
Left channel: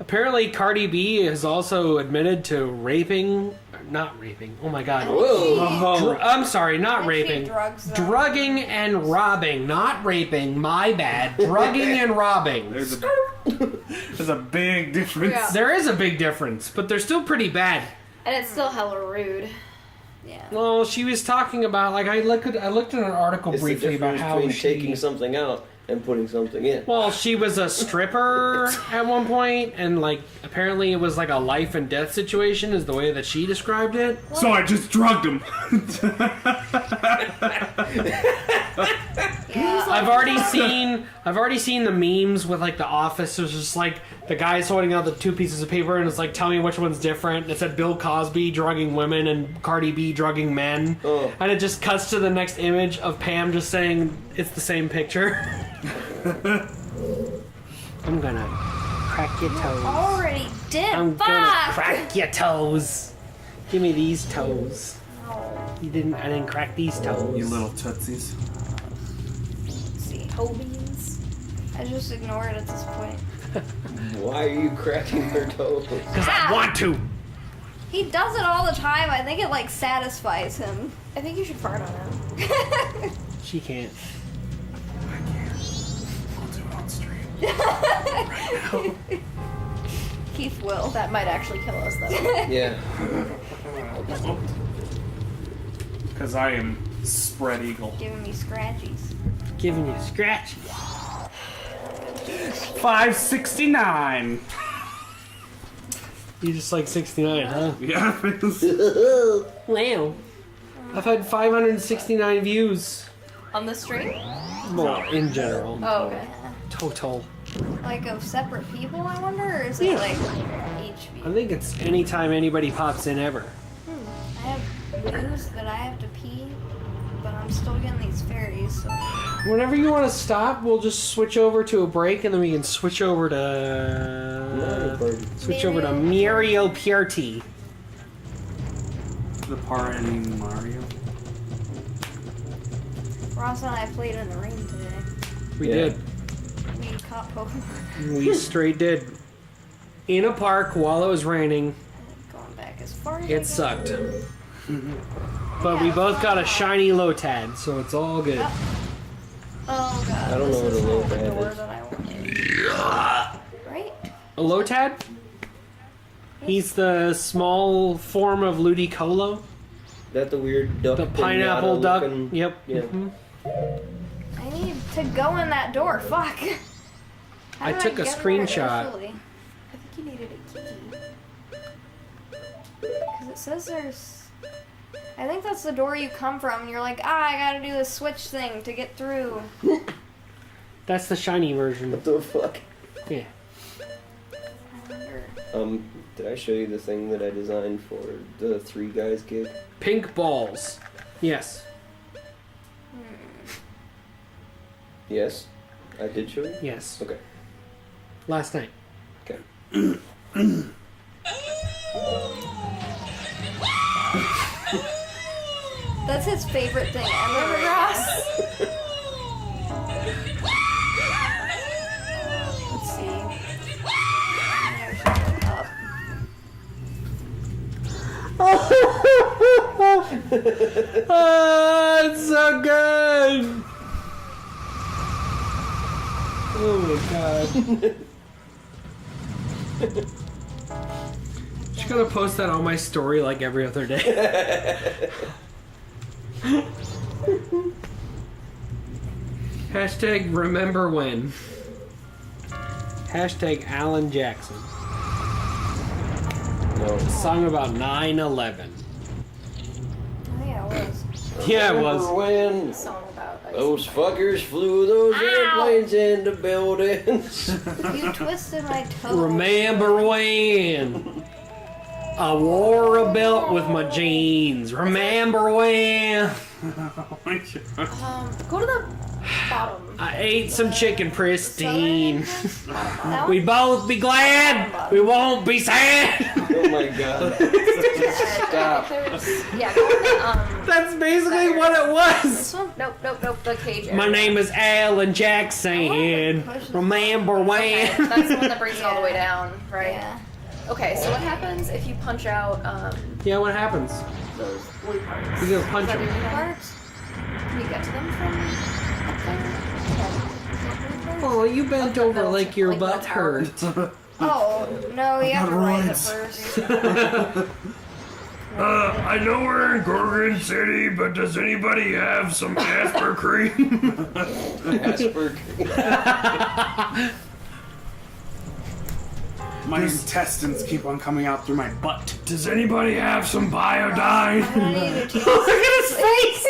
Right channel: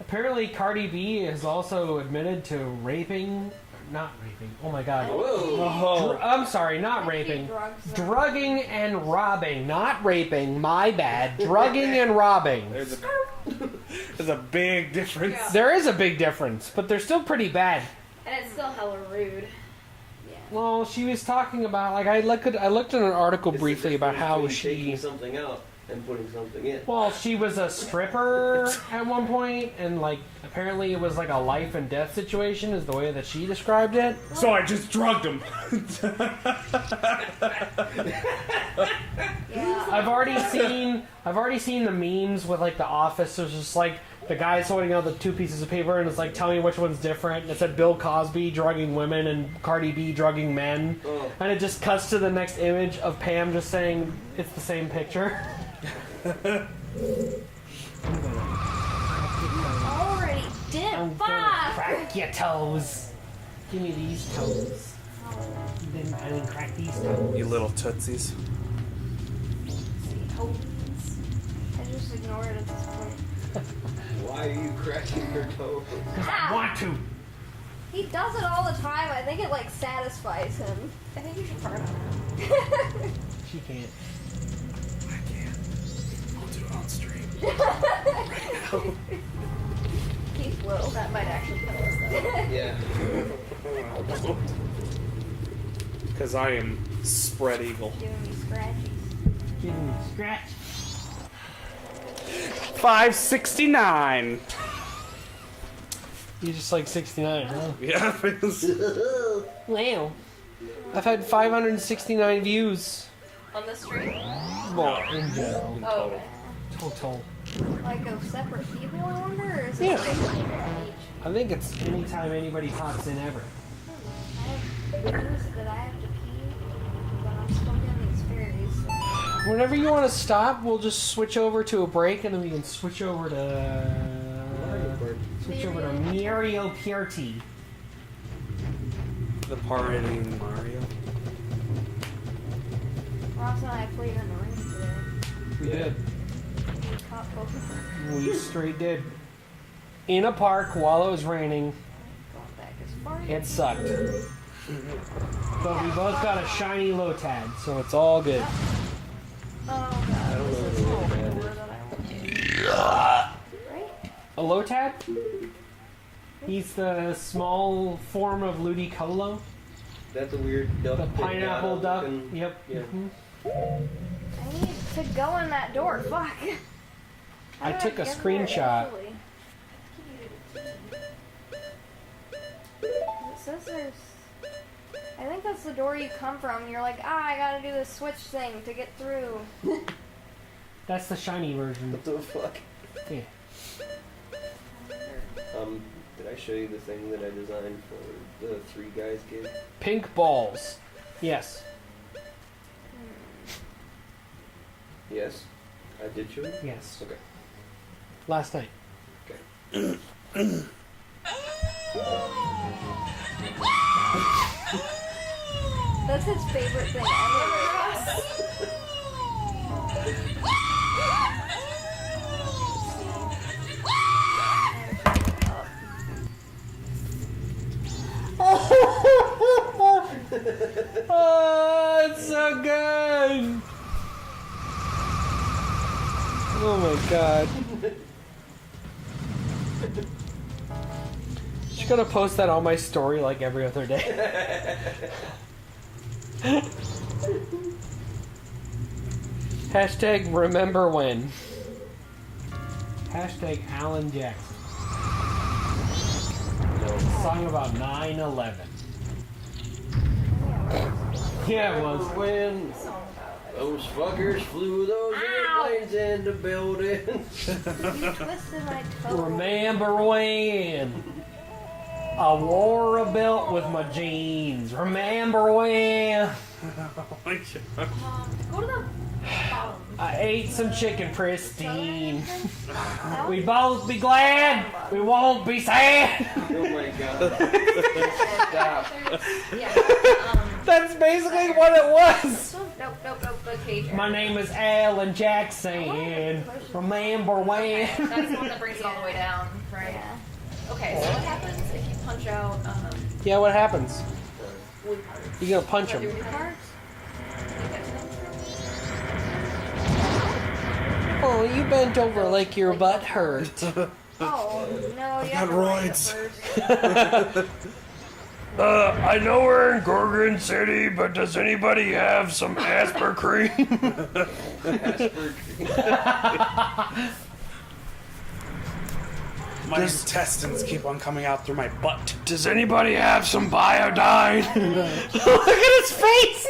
Apparently, Cardi B has also admitted to raping. Not raping. Oh my god. Whoa! I'm sorry, not raping. Drugging and robbing. Not raping. My bad. Drugging and robbing. There's a big difference. Yeah. There is a big difference, but they're still pretty bad. And it's still hella rude. Yeah. Well, she was talking about like I looked at an article It's the briefly about difference how between she. taking something out and putting something in. Well, she was a stripper at one point, and like apparently it was like a life and death situation, is the way that she described it. So I just drugged him. I've already seen the memes with like the office. There's just like the guy's holding out the two pieces of paper, and it's like, tell me which one's different. It said Bill Cosby drugging women and Cardi B drugging men, and it just cuts to the next image of Pam just saying it's the same picture. I'm gonna crack your toes. Already did. I'm Fuck! gonna crack your toes. Give me these toes. I didn't crack these toes. You little tootsies. Let's see. Tobies. I just ignore it at this point. Why are you cracking your toes? Because I want to. He does it all the time. I think it like satisfies him. I think you should fart on it. She can't. I can't. I'll do it on stream. Keith will. That might actually kill us, though. Yeah. Because I am spread eagle. Giving me scratchies. Giving you a scratch. 569. You just like 69, huh? Yeah. Wow. I've had 569 views. On the stream? Well, in general. Oh, okay. Total. Like of separate people, I wonder? Or is Yeah. it like each I think it's anytime anybody pops in ever. I have news that I have to pee, but I'm still getting these fairies. So. Whenever you want to stop, we'll just switch over to a break and then we can switch over to Leopard. Switch over to Mario Party. The part in Mario. Ross and I played in the rain today. We Yeah. did. We caught over. We straight did. In a park while it was raining. Going back as far as It sucked. But we both got a shiny Lotad, so it's all good. Oh god. I don't know what a this is little all the bad door is. that I want. Right? A Lotad? He's the small form of Ludicolo. That the weird duck. The pineapple pinata duck. looking- Yep. Yeah. Mhm. I need to go in that door. Fuck. How I did took a get there screenshot. eventually? I think you needed a key. 'Cause it says there's. I think that's the door you come from. You're like, I gotta do this switch thing to get through. That's the shiny version. What the fuck? Yeah. Did I show you the thing that I designed for the Three Guys gig? Pink balls. Yes. Yes, I did show you. Yes. Okay. Last night. Okay. That's his favorite thing ever. Ross. Let's see. Oh, it's so good. Oh my god. Just gonna post that on my story like every other day. Hashtag remember when. Hashtag Alan Jackson. No. Song about 9/11. Yeah, it was. Yeah, it was. When Song about those fuckers flew those airplanes into buildings. You twisted my toe. Remember when I wore a belt with my jeans? Remember when Go to the bottom. I ate some chicken pristine? That We both be glad, we won't be sad. Oh my god. Stop. Yeah. That's basically what it was. Nope. The cage. My area. name is Alan Jackson. Remember when? That's the one that brings it all the way down, right? Yeah. Okay, so what happens if you punch out Yeah, what happens? those blue parts? You're gonna punch Is that him. your blue parts? Can you get to them from? Oh, you bent over like your butt hurt. Oh, no, you have to write it first. I know we're in Gorgon City, but does anybody have some Asper cream? My intestines keep on coming out through my butt. Does anybody have some biodine? Look at his face!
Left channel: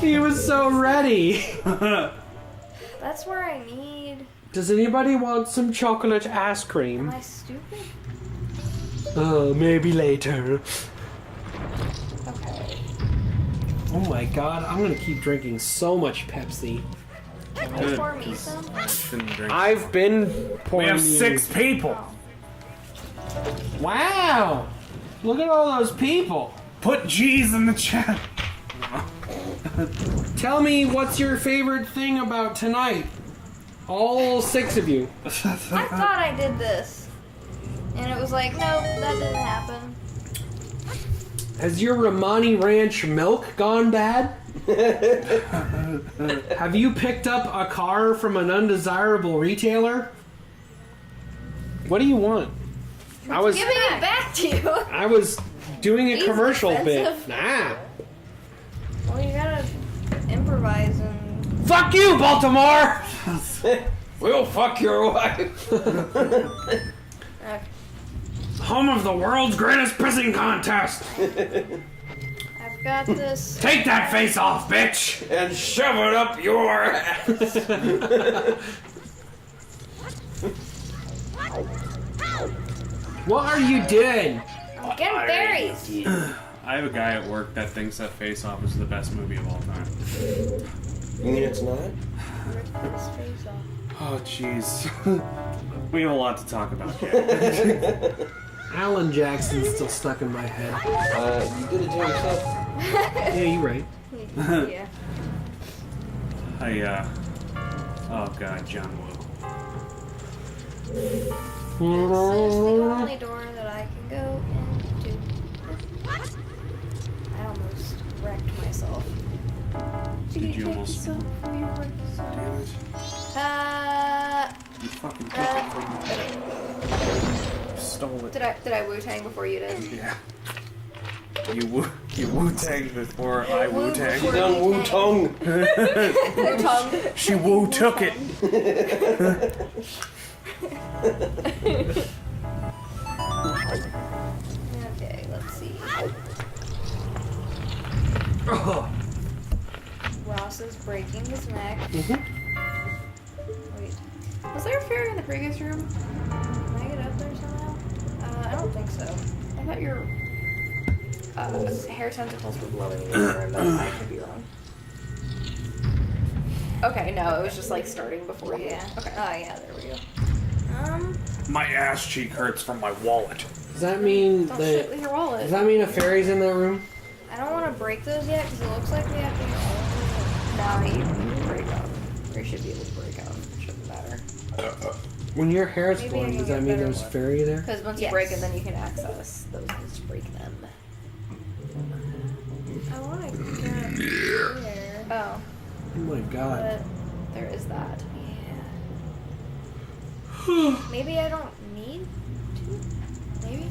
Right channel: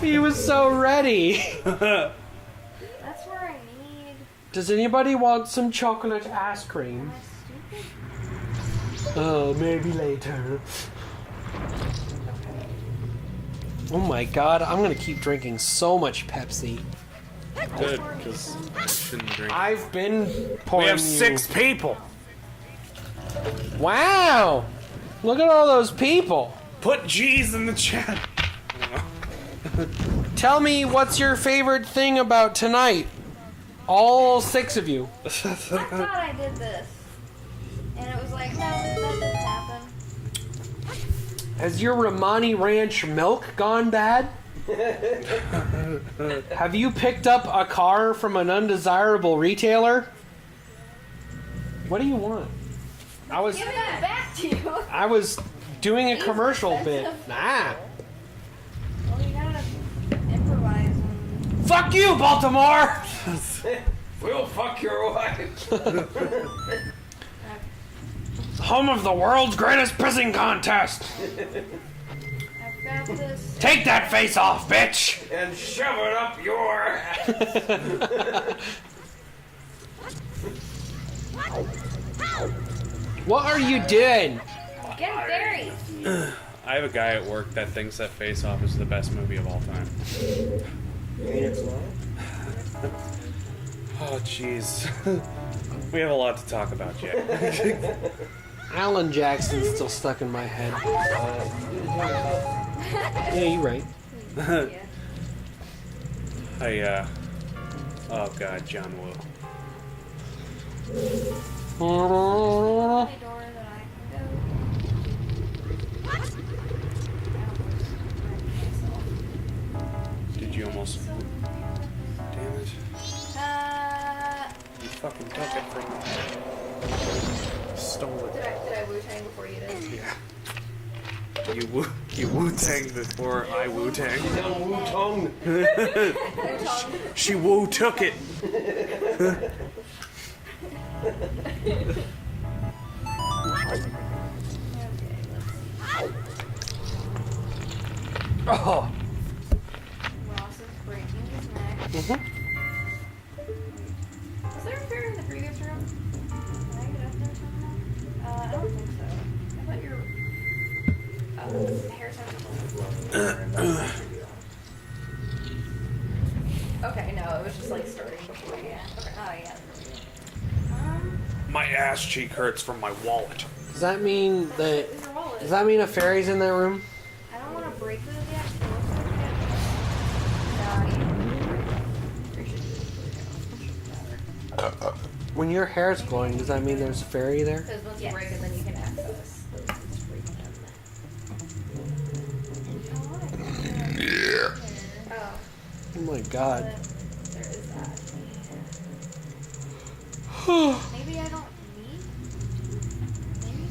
He was so ready. That's where I need. Does anybody want some chocolate ice cream? Am I stupid? Oh, maybe later. Oh my god, I'm gonna keep drinking so much Pepsi. Good, Pour me 'cause some. I shouldn't drink. I've been pouring. We have 6 people. Wow! Look at all those people. Put G's in the chat. Tell me what's your favorite thing about tonight? All 6 of you. I thought I did this. And it was like, no, that didn't happen. Has your Romani Ranch milk gone bad? Have you picked up a car from an undesirable retailer? What do you want? I was Giving it back to you. I was doing a These commercial bit. expensive. Nah. Well, you gotta improvise and. Fuck you, Baltimore! We'll fuck your wife. Home of the world's greatest pissing contest. I've got this. Take that face off, bitch! And shove it up your ass. What are you doing? Getting berries. I have a guy at work that thinks that Face Off is the best movie of all time. You mean it's not? Oh, jeez. We have a lot to talk about, Jack. Alan Jackson's still stuck in my head. You did it to yourself. Yeah, you're right. Yeah. Oh god, John Woo. The only door that I can go into. I almost wrecked myself. Did you almost... So Damn it. You fucking took it from me. Stole it. Did I Wu-Tang before you did? Yeah. You Wu-Tanged before I Wu-Tanged. She's on Wu-Tong. Wu-Tang. She Wu-took it. Okay, let's see. Oh. Ross is breaking his neck. Mhm. Wait, Was there a fairy in the previous room? can I get up there somehow? I don't think so. I thought your hair tentacles were blowing in the room. That could be wrong. Okay, no, it was just like starting before you. Yeah. Okay. Oh yeah, there we go. My ass cheek hurts from my wallet. Does that mean Don't that? shit with your wallet. Does that mean a fairy's in that room? I don't want to break those yet because it looks like that. No, you can break out. There should be a break out. It shouldn't matter. When your hair's glowing, does that mean there's a fairy there? Because once you Yes. break it, then you can access those things to break them. I want to get there. Oh, Oh my god. but there is that. Maybe I don't need to. Maybe.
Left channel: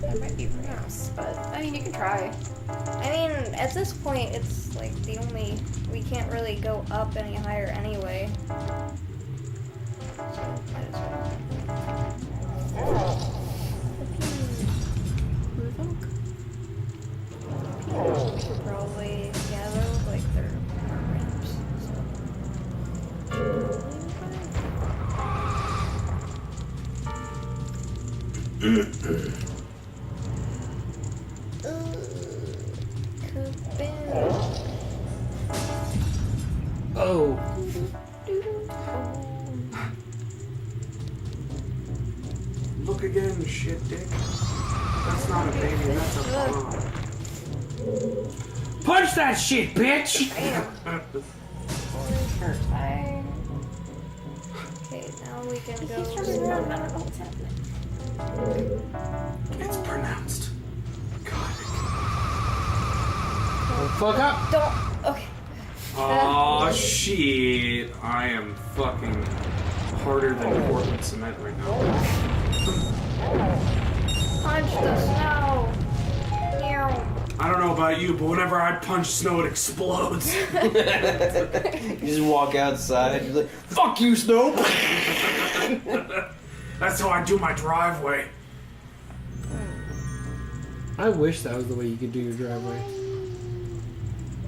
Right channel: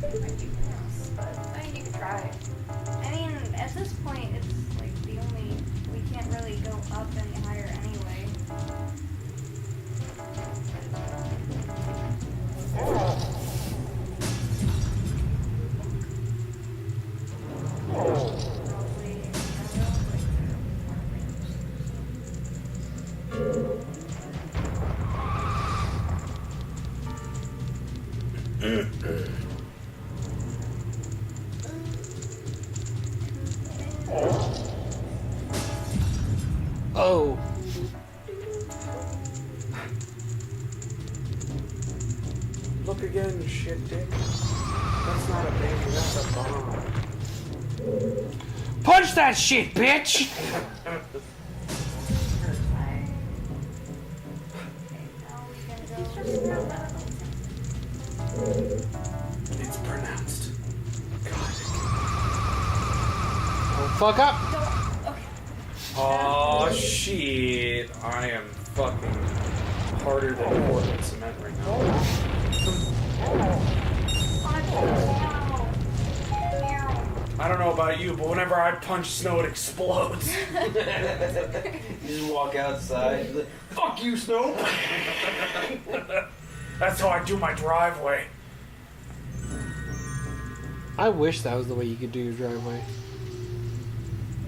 That might be pronounced, but I mean, you can try. I mean, at this point, it's like the only. We can't really go up any higher anyway. Probably together, like they're not ramps. Oh. Look again, shit dick. That's not a baby, that's a bomb. Punch that shit, bitch! Okay, now we can go. It's pronounced. God. Don't fuck up! Don't. Okay. Oh shit. I am fucking harder than Portland cement right now. Punch the snow. Meow. I don't know about you, but whenever I punch snow, it explodes. You just walk outside. You're like, fuck you, Snow. That's how I do my driveway. I wish that was the way you could do your driveway.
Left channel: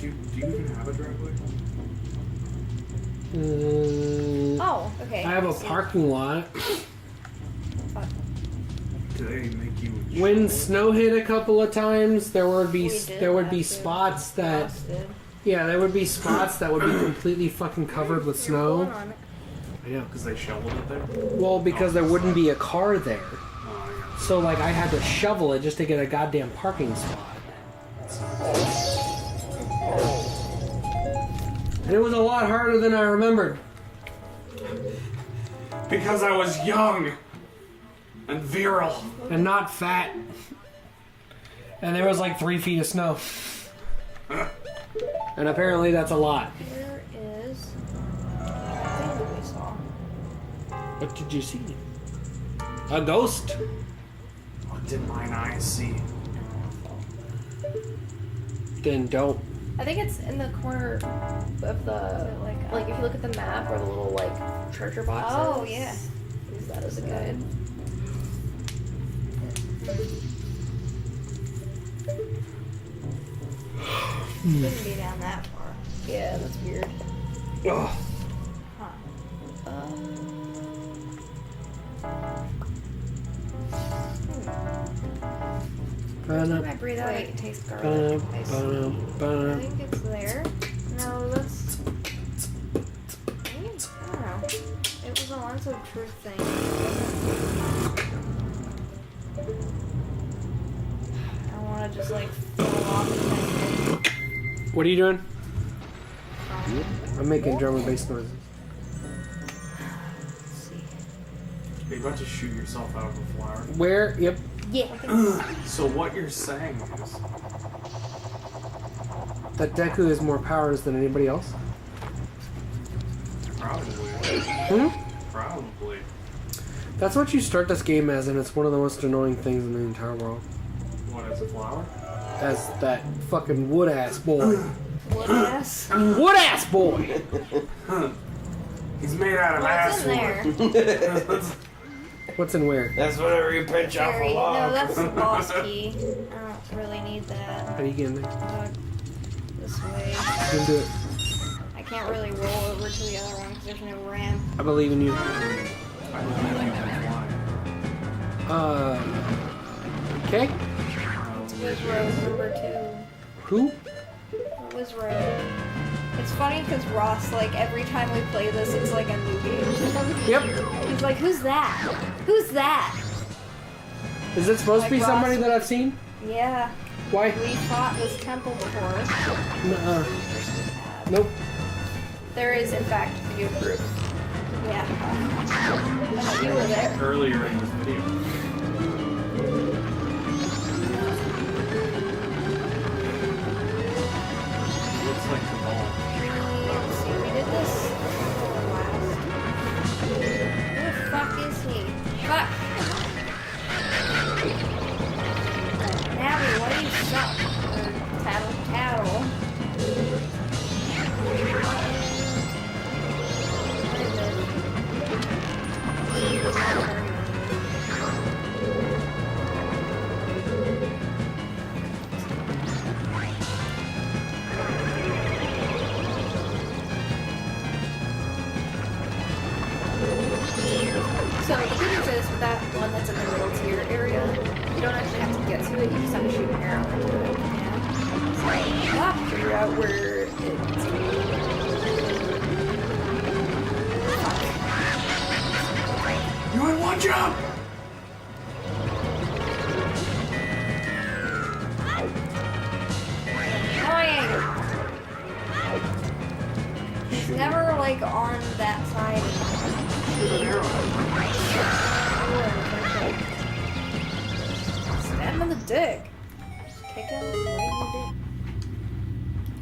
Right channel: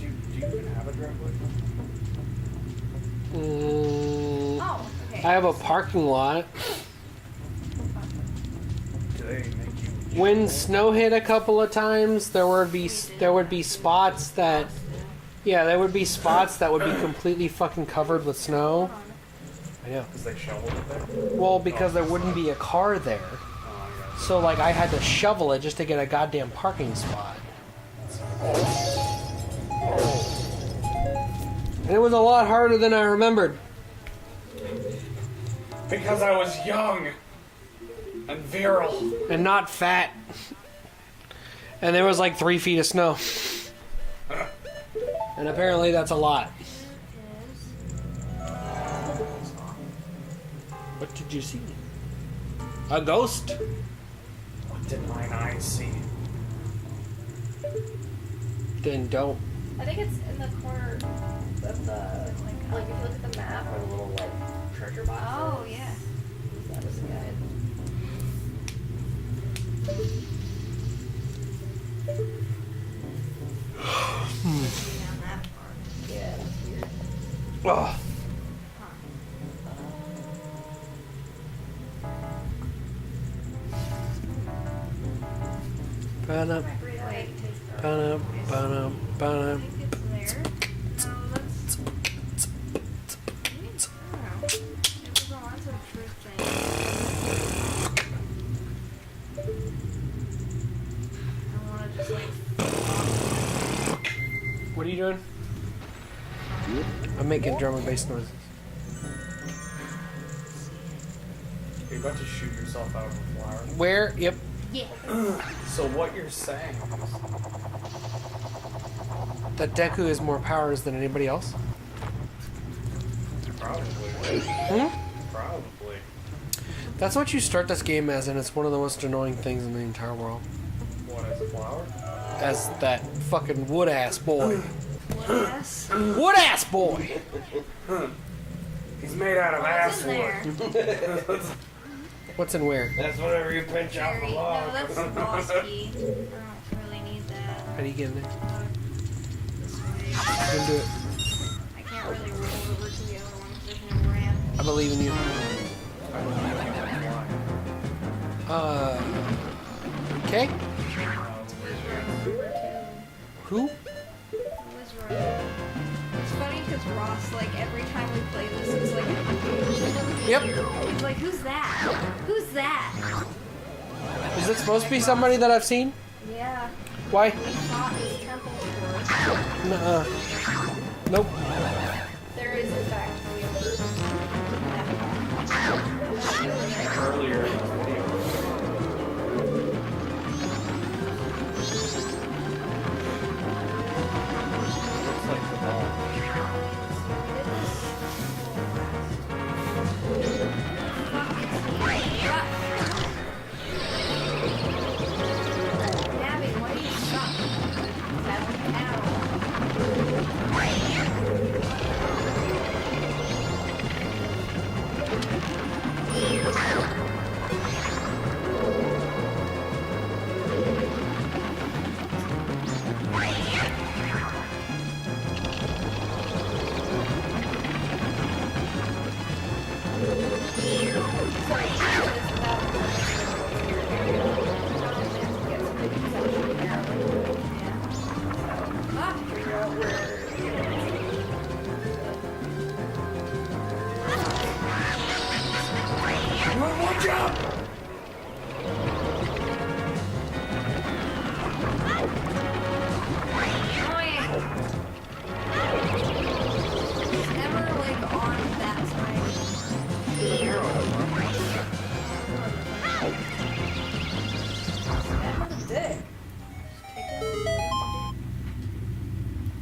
Do you even have a driveway? Oh, okay. I have a parking lot. Do they make you? When snow hit a couple of times, there would be We did have to. spots that there would be spots that would be completely fucking covered with snow. I know. Because they shoveled it there? Well, because there wouldn't be a car there. Oh, yeah. So like I had to shovel it just to get a goddamn parking spot. And it was a lot harder than I remembered. Because I was young and virile. And not fat. And there was like 3 feet of snow. And apparently that's a lot. There is. What did you see? A ghost? What did mine eyes see? Then don't. I think it's in the corner of the like if you look at the map or the little like treasure box. Oh, yeah. Use that as a guide. Shouldn't be down that far. Yeah, that's weird. Ugh. Ba-dum, I breathe out, I can taste garlic. ba-dum, ba-dum, I ba-dum. think it's there. Now let's. I don't know. It What are you doing? I'm making drum and bass noises. You're about to shoot yourself out of a flower. Where? Yep. Yeah. So what you're saying? That Deku has more powers than anybody else? Probably. Hmm? Probably. That's what you start this game as, and it's one of the most annoying things in the entire world. What, as a flower? As that fucking wood-ass boy. What ass? Wood-ass boy! He's made out of What's in asswood. there? What's in where? That's whenever you pinch off a Jerry. No, log. that's the boss key. I don't really need that. How do you get in there? This way. You can do it. I can't really roll over to the other one because there's no ramp. I believe in you. Okay. Where's row number 2? Who? Was row? It's funny because Ross, like, every time we play this, it's like a movie. Yep. He's like, who's that? Who's that? Is it supposed to be somebody that I've seen? Yeah. Why? We fought his temple before. Nuh-uh. Nope. There is, in fact, a few groups. Yeah. Earlier in the game. Looks like the ball. See, we did this last. Who the fuck is he? Fuck. Nabby, what do you suck? Cattle. So, just without going into your area, you don't actually have to get to the section there. Figure out where You want one jump? Annoying. He's never like on that side. I'm on the dick. Kick him. What do you do?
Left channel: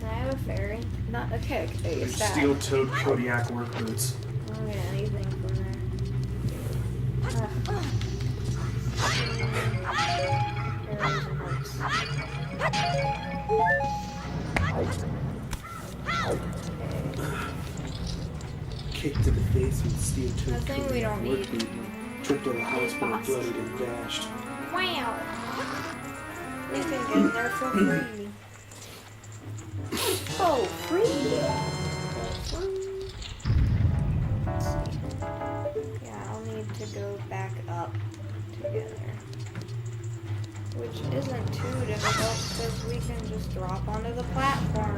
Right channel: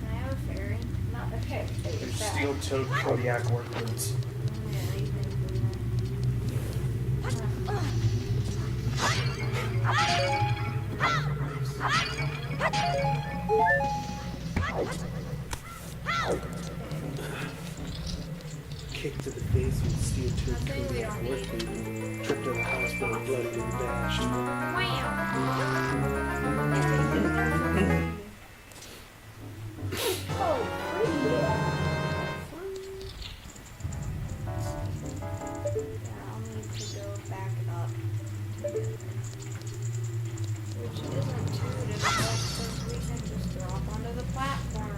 Can I have a fairy? Not a kick. A stab. Steel-toed Kodiak work boots. I don't get anything from there. Kick to the face and steel I toed think we don't need. tripped to the hospital, bloodied and dashed. Wow. They get in there for free. Oh, free. Yeah, I'll need to go back up together. Which isn't too difficult because we can just drop onto the platform.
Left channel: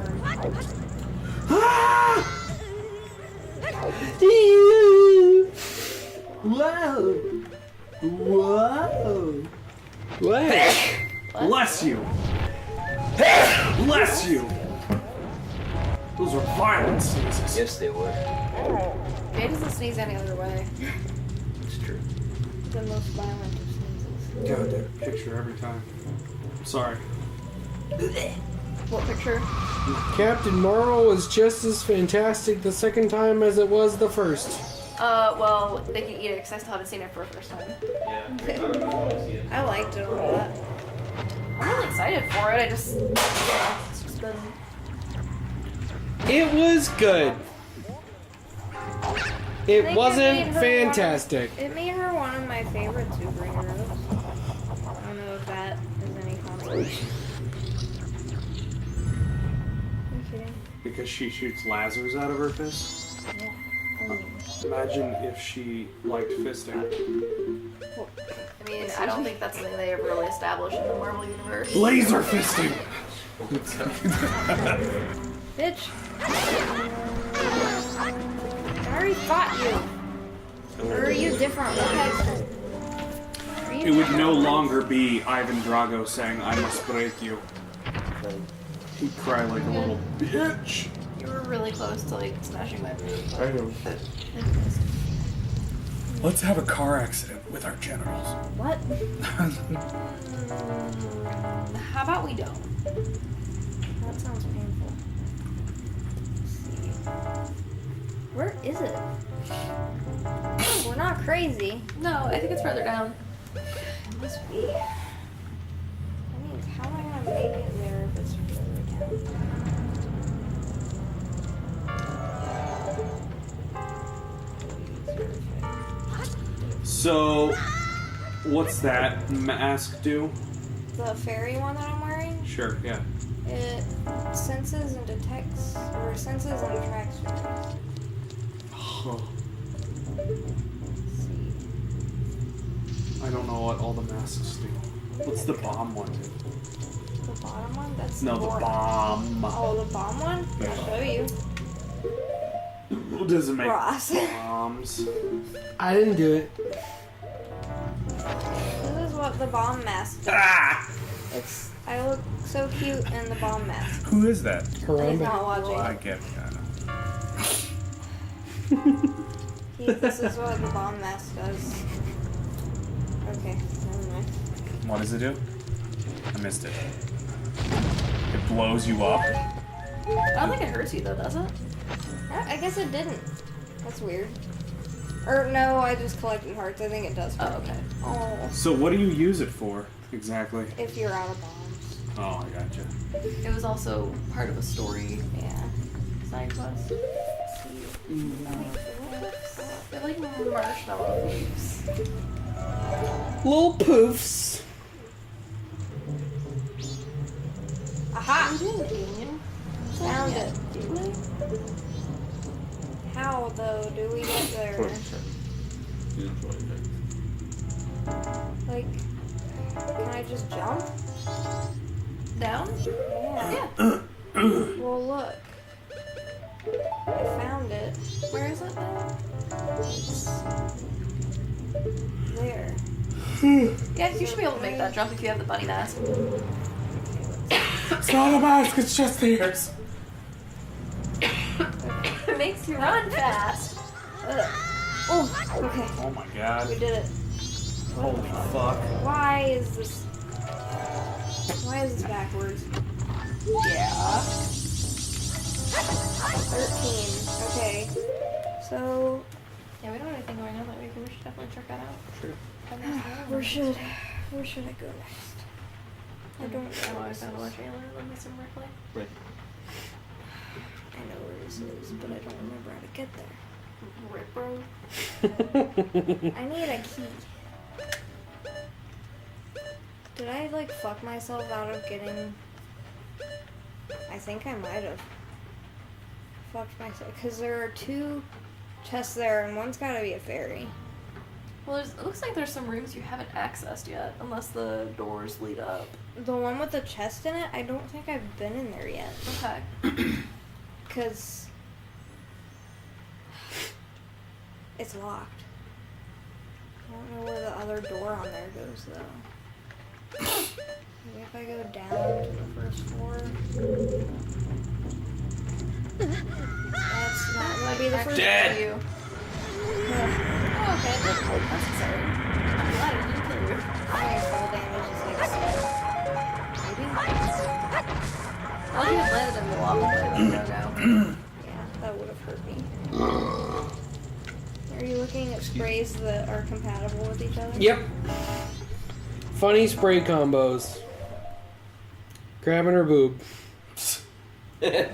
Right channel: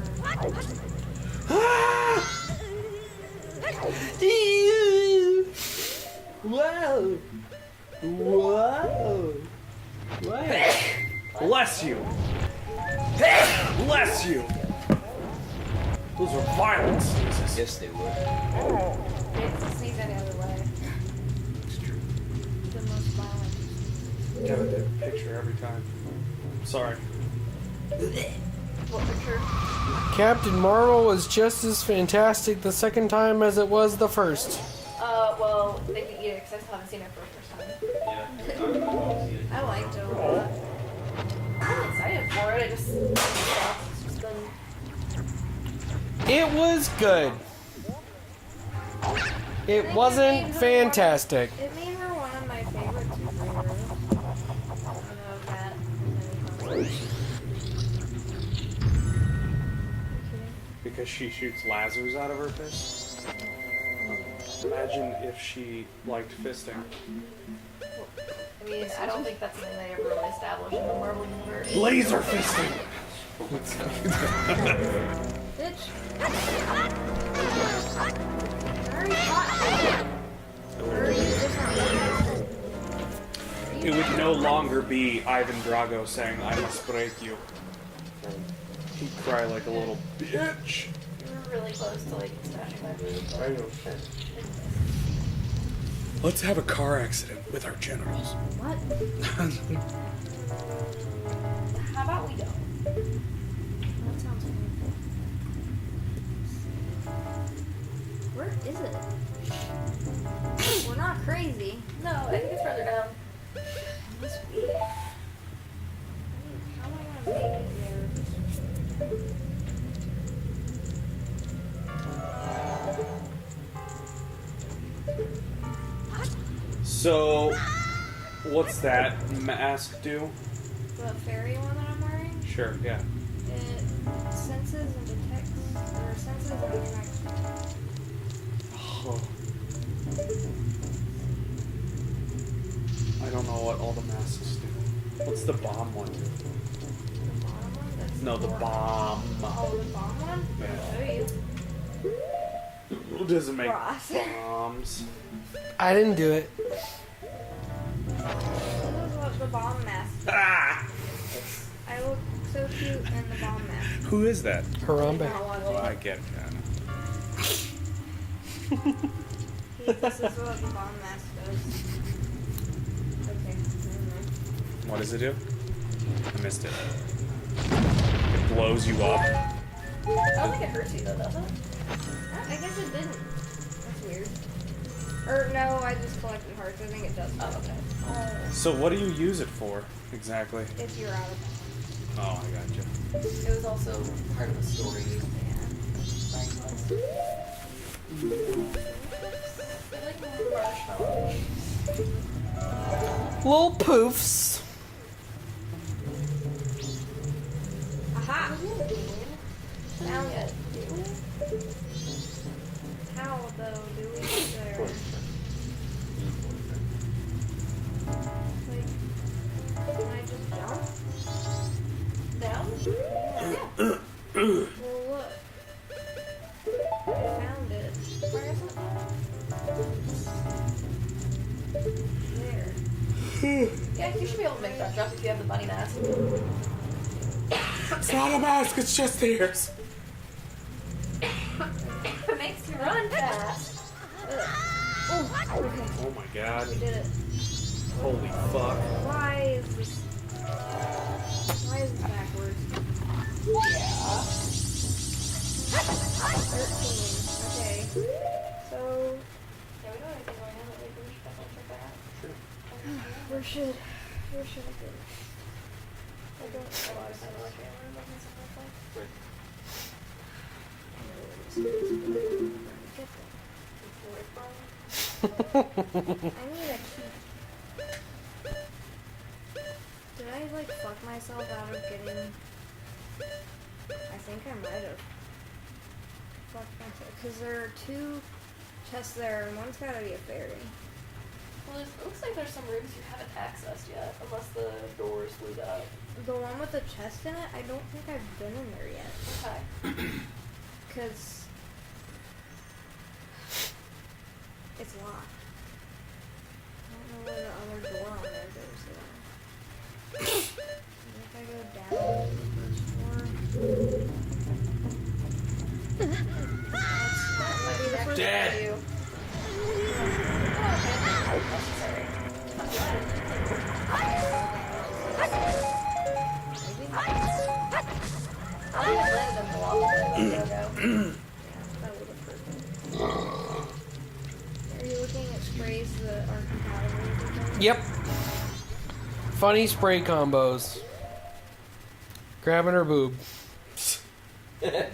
Whoa! Whoa! What? Bless you! Bless you! Those are violent sneezes. Yes, they would. It doesn't sneeze any other way. It's true. The most violent of sneezes. Gotta take a picture every time. Sorry. What picture? Captain Marvel was just as fantastic the second time as it was the first. Well, they can eat it because I still haven't seen it for the first time. Yeah. I liked it a lot. I'm really excited for it. It's just been. It was good. It think wasn't it made her fantastic. It made her one of my favorite superheroes. I don't know if that is any consolation. Because she shoots lasers out of her fist. Imagine if she liked fisting. I mean, I don't think that's something they ever really established in the Marvel universe. Laser fisting! Bitch. I already fought you. Or are you different? It would no longer be Ivan Drago saying, I must break you. He'd cry like a little bitch. You were really close to like smashing my phone. I know. Let's have a car accident with our genitals. What? How about we don't? That sounds painful. Where is it? We're not crazy. No, I think it's further down. It must be. I mean, how am I gonna make it there if it's further down? So, what's that mask do? The fairy one that I'm wearing, Sure, yeah. it senses and detects, or senses and attracts fairies. Huh. I don't know what all the masks do. What's the bomb one do? The bottom one? That's No, the more- bomb. Oh, the bomb one? Yeah. I'll show you. Who doesn't make Ross. bombs? I didn't do it. This is what the bomb mask does. Ah! I look so cute in the bomb mask. Who is that? He's Harambe. not watching. I get it, yeah, I know. This is what the bomb mask does. Okay, never mind. What does it do? I missed it. It blows you up. I don't think it hurts you though, does it? I guess it didn't. That's weird. Or no, I just collected hearts. I think it does. Oh, okay. Oh, So what do you use it for, exactly? if you're out of bounds. Oh, I gotcha. It was also part of a story. Yeah. Side quest. I like marshmallows. Little poofs. Aha! Found it. How though do we get there? Like, can I just jump? Down? Yeah. Yeah. Well, look. I found it. Where is it now? There. Yeah, you should be able to make that jump if you have the bunny mask. It's not a mask, it's just the ears. It makes you run fast. Oh, okay. Oh my god. We did it. Holy fuck. Why is this backwards? Yeah. 13. Okay. So, Yeah, we don't have anything right now, but maybe we should definitely check that out. Sure. where should I go next? I always have more Chandler than this in my play. Right. I know where this is, but I don't remember how to get there. I need a key. Did I like fuck myself out of getting? I think I might have fucked myself because there are 2 chests there and one's gotta be a fairy. Well, it looks like there's some rooms you haven't accessed yet, unless the doors lead up. The one with the chest in it, I don't think I've been in there yet Okay. because it's locked. I don't know where the other door on there goes though. Maybe if I go down to the first floor. That's not Might be the first Dead. for you. Oh, okay. That's sorry. I'm glad I didn't land in the lava. Yeah, that would have hurt me. Are you looking at sprays that are compatible with each other? Yep. Funny spray combos. Grabbing her boob. Let's see.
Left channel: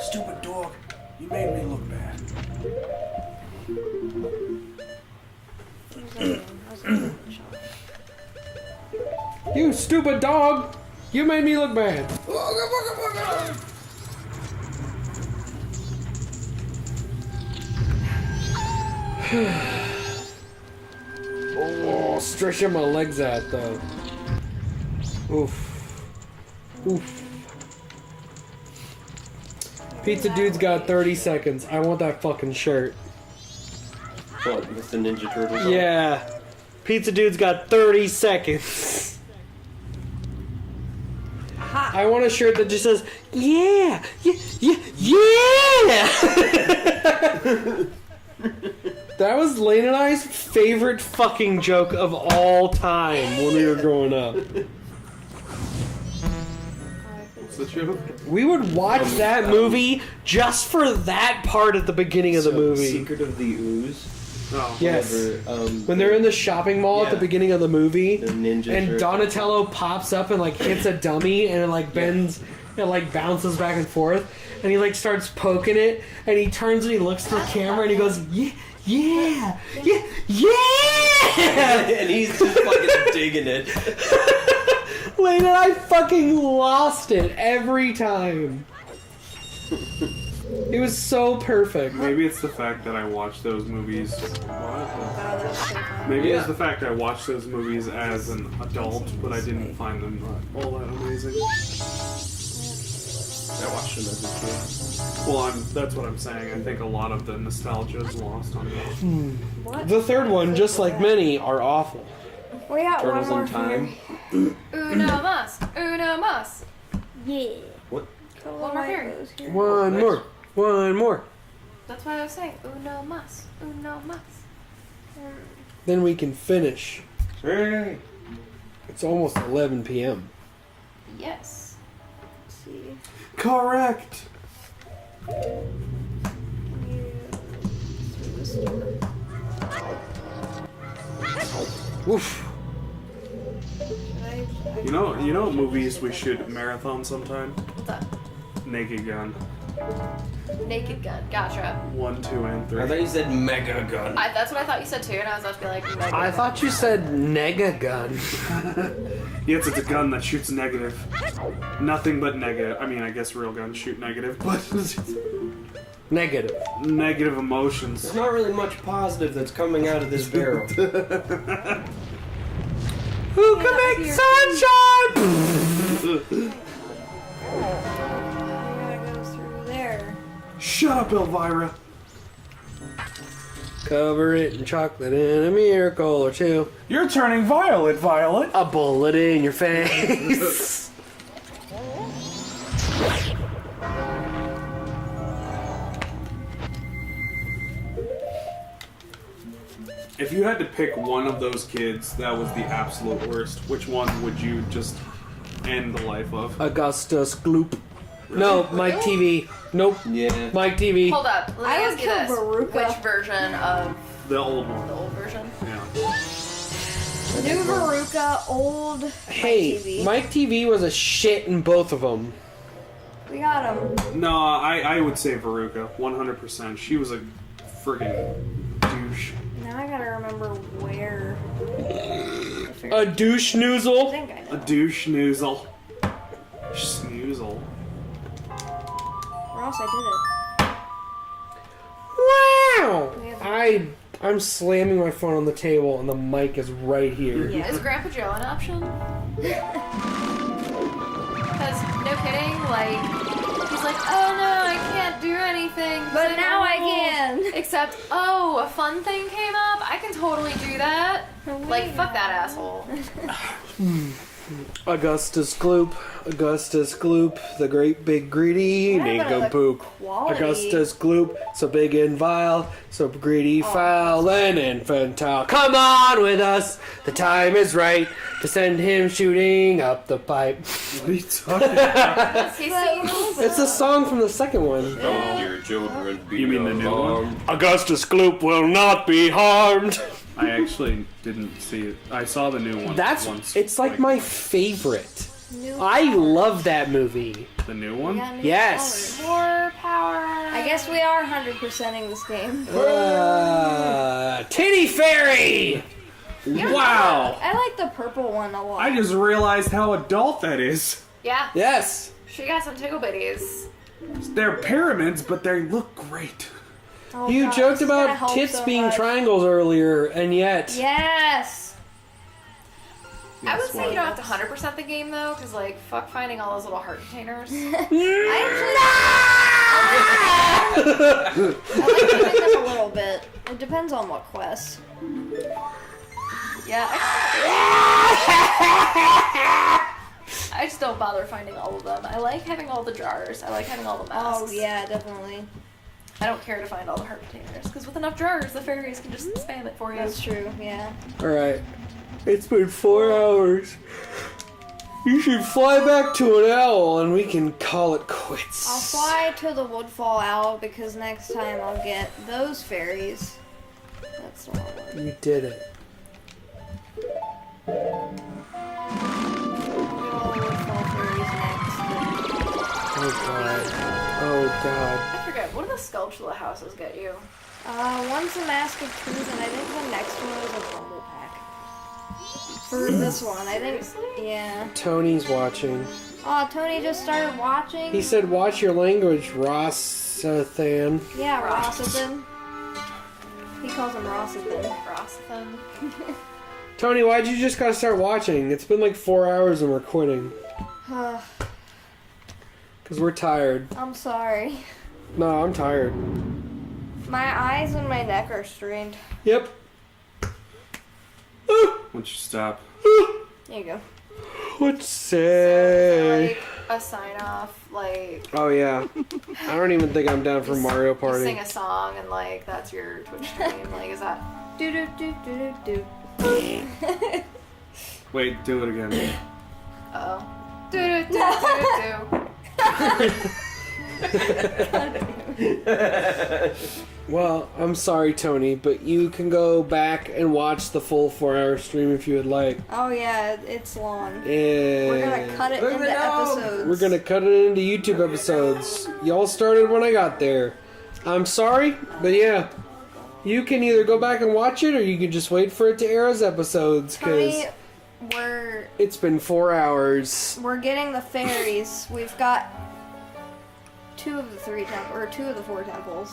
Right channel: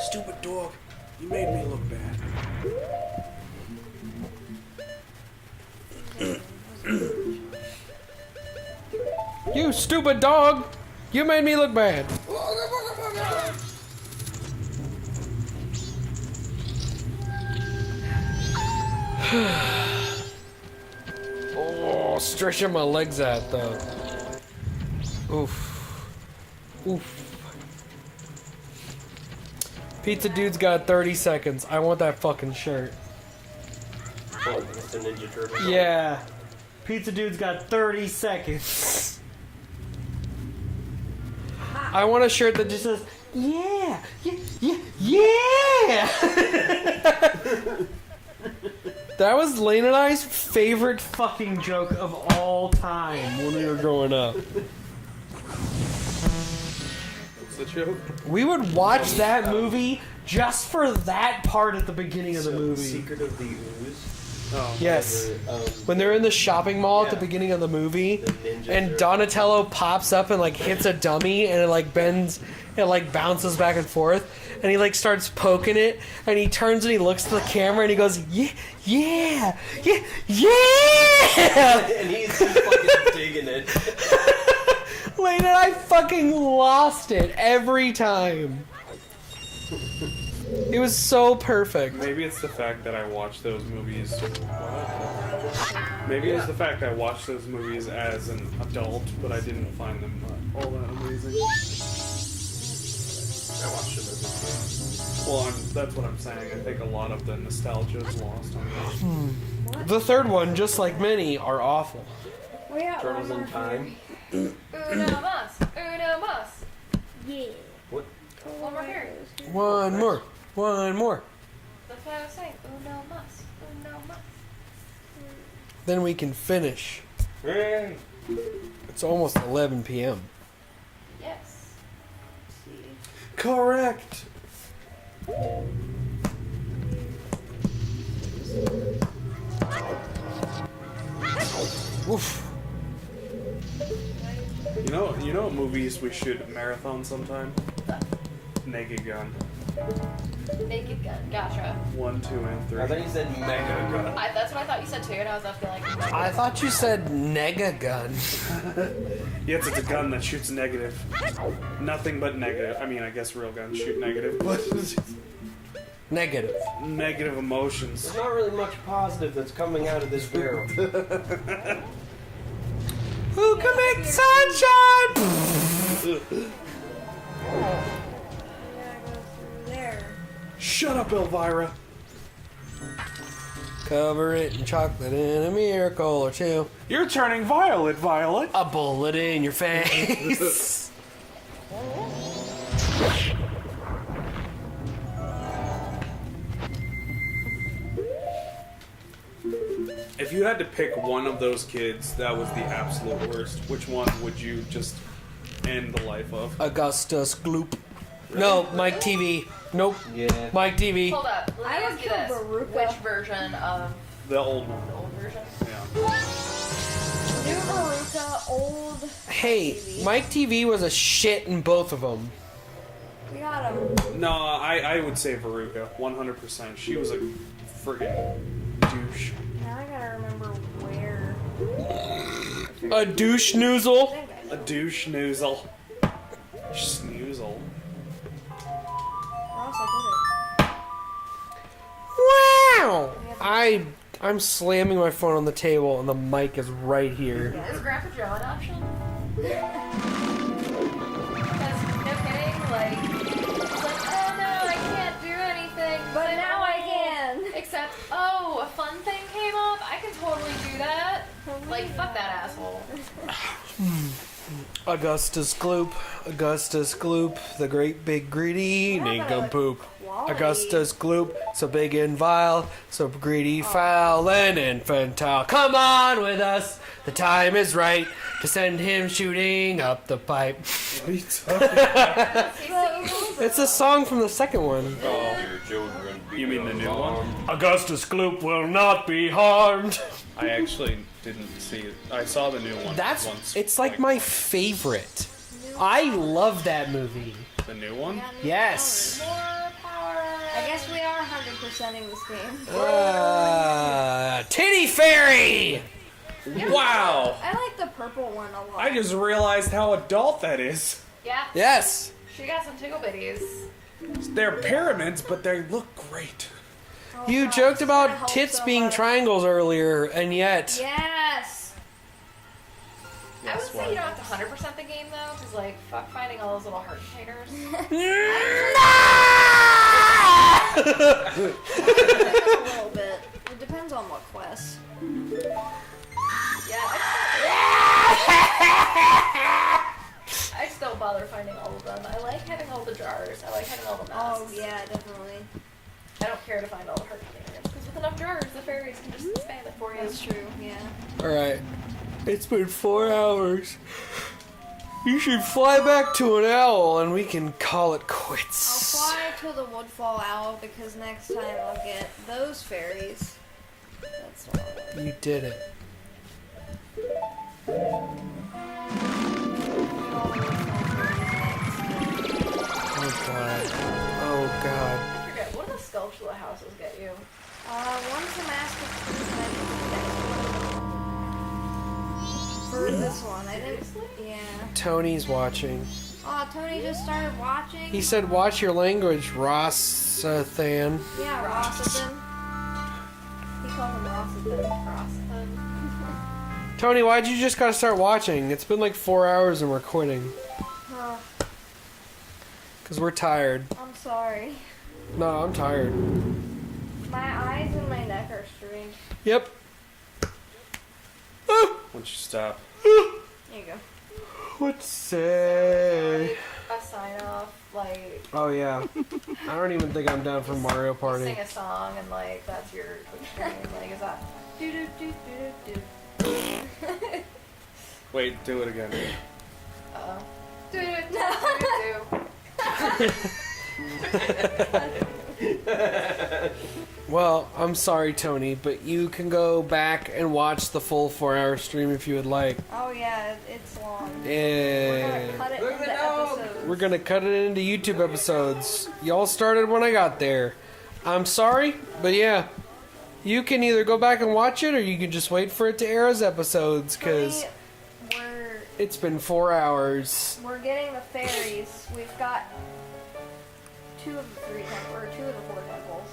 Stupid dog. You made me look bad. You stupid dog! You made me look bad. stretching my legs out, though. Oof. Oof. Pizza Dude's got 30 seconds. I want that fucking shirt. Oh, it's the Ninja Turtle. Yeah. Pizza Dude's got 30 seconds. I want a shirt that just says, yeah, yeah, yeah. That was Lane and I's favorite fucking joke of all time when we were growing up. What's the joke? We would watch that movie just for that part at the beginning of the movie. Secret of the Ooze. Oh. Yes. Where, When they're in the shopping mall at the Yeah. beginning of the movie, the ninja and turtle. Donatello pops up and like hits a dummy, and it like bends, it like bounces back and forth, and he like starts poking it, and he turns and he looks to the camera and he goes, yeah, yeah, yeah, yeah. And he's just fucking digging it. Lane and I fucking lost it every time. It was so perfect. Maybe it's the fact that I watched those movies. Maybe it's the fact I watched those movies as an adult, but I didn't find them all that amazing. I watched him as a kid. Well, that's what I'm saying. I think a lot of the nostalgia is lost on me. The third one, just like many, are awful. We got Turtles one in more Time. here. Uno mas. Uno mas. Yeah. What? One more here. One more. One more. That's what I was saying. Uno mas. Uno mas. Then we can finish. Hey. It's almost 11 p.m. Yes. See. Correct. Oof. You know what movies we should marathon sometime? What's up? Naked Gun. Naked Gun. Gotcha. 1, 2, and 3. I thought you said Mega Gun. That's what I thought you said too, and I was about to be like, I thought you said nega gun. Yes, it's a gun that shoots negative. Nothing but negative. I mean, I guess real guns shoot negative, but Negative. negative emotions. There's not really much positive that's coming out of this barrel. Who can make sunshine? I gotta go through there. Shut up, Elvira. Cover it in chocolate and a miracle or two. You're turning violet, Violet. A bullet in your face. If you had to pick one of those kids that was the absolute worst, which one would you just end the life of? Augustus Gloop. No, Mike TV. Nope. Yeah. Mike TV. hold up. Let me I would ask you kill this: Baruka. which version of The old one. the old version? Yeah. New Veruca, old. Hey, TV. Mike TV was a shit in both of them. We got him. No, I would say Veruca, 100%. She was a friggin' douche. Now I gotta remember where. A douche I noozle. think I A know. douche snoozle. Snoozle. Or else I Wow! I'm slamming my phone on the table and the mic is right here. did it. Is Yeah. Grandpa Joe an option? Because, no kidding, like, it's like, oh no, I can't do anything. But It's now like, I oh. can. Except, oh, a fun thing came up. I can totally do that. Like, fuck that asshole. Augustus Gloop, Augustus Gloop, the great big greedy Yeah, but nincompoop. quality. Augustus Gloop, so big and vile, so greedy, foul, and infantile. Come on with us, the time is right to send him shooting up the pipe. What are you talking about? He's singing It's a song from the second one. You mean the new one? Augustus Gloop will not be harmed. I actually didn't see it. I saw the new one once. It's like my favorite. I love that movie. The new one? Yeah, new Yes. More power. I guess we are 100%ing this game. Titty Fairy! Wow! I like the purple one a lot. I just realized how adult that is. Yeah, Yes. she got some tickle bitties. They're pyramids, but they look great. Oh, You God, joked this is gonna about help tits so being much. triangles earlier, and yet Yes. I would Yes, say you don't have to 100% the game though, because like fuck finding all those little heart containers. A little bit. It depends on what quest. Yeah. I just don't bother finding all of them. I like having all the jars. I like having all the masks. Oh yeah, definitely. I don't care to find all the heart containers, because with enough jars, the fairies can just spam it for you. That's true. Yeah. Alright. It's been 4 hours. You should fly back to an owl and we can call it I'll quits. fly to the Woodfall Owl because next time I'll get those fairies. That's the one. You did it. Oh god. Oh god. I forget, what do the Skulltula houses get you? One's the Mask of Truth, and I think the next one is a pack. For this one, I think. Yeah. Tony's watching. Oh, Tony just started watching. He said, watch your language, Rossathan. Yeah, Rossathan. He calls him Rossathan. Rossathan. Tony, why'd you just gotta start watching? It's been like 4 hours and we're quitting. Because we're tired. I'm sorry. No, I'm tired. My eyes and my neck are strained. Yep. Why don't you stop? There you go. What's say? Like a sign off, like Oh yeah. I don't even think I'm down for Mario you Party. sing a song and like that's your Twitch stream. Like is that? Do do do do do. Wait, do it again. Oh. Do do do do do. Well, I'm sorry, Tony, but you can go back and watch the full 4-hour stream if you would like. Oh yeah, it's long. We're gonna Yeah. cut it into episodes. We're gonna cut it into YouTube episodes. Y'all started when I got there. I'm sorry, but yeah. You can either go back and watch it, or you can just wait for it to air as episodes, because Tony, it's been 4 hours. we're getting the fairies. We've got 2 of the 3 or 2 of the 4 temples.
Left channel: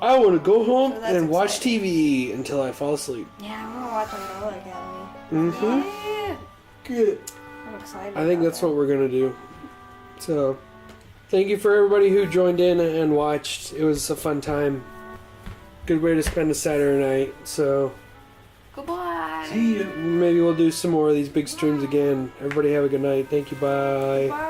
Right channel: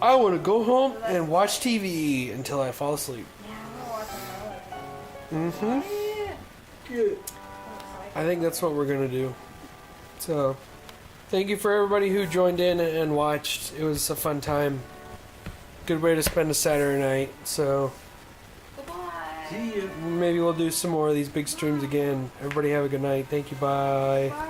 I want to go home So that's and watch exciting. TV until I fall asleep. Yeah, I'm gonna watch another Academy. Mm-hmm. I'm excited. I think that's what we're gonna do. So, thank you for everybody who joined in and watched. It was a fun time. Good way to spend a Saturday night. So, Goodbye. maybe we'll do some more of these big streams again. Everybody have a good night. Thank you. Bye. Bye.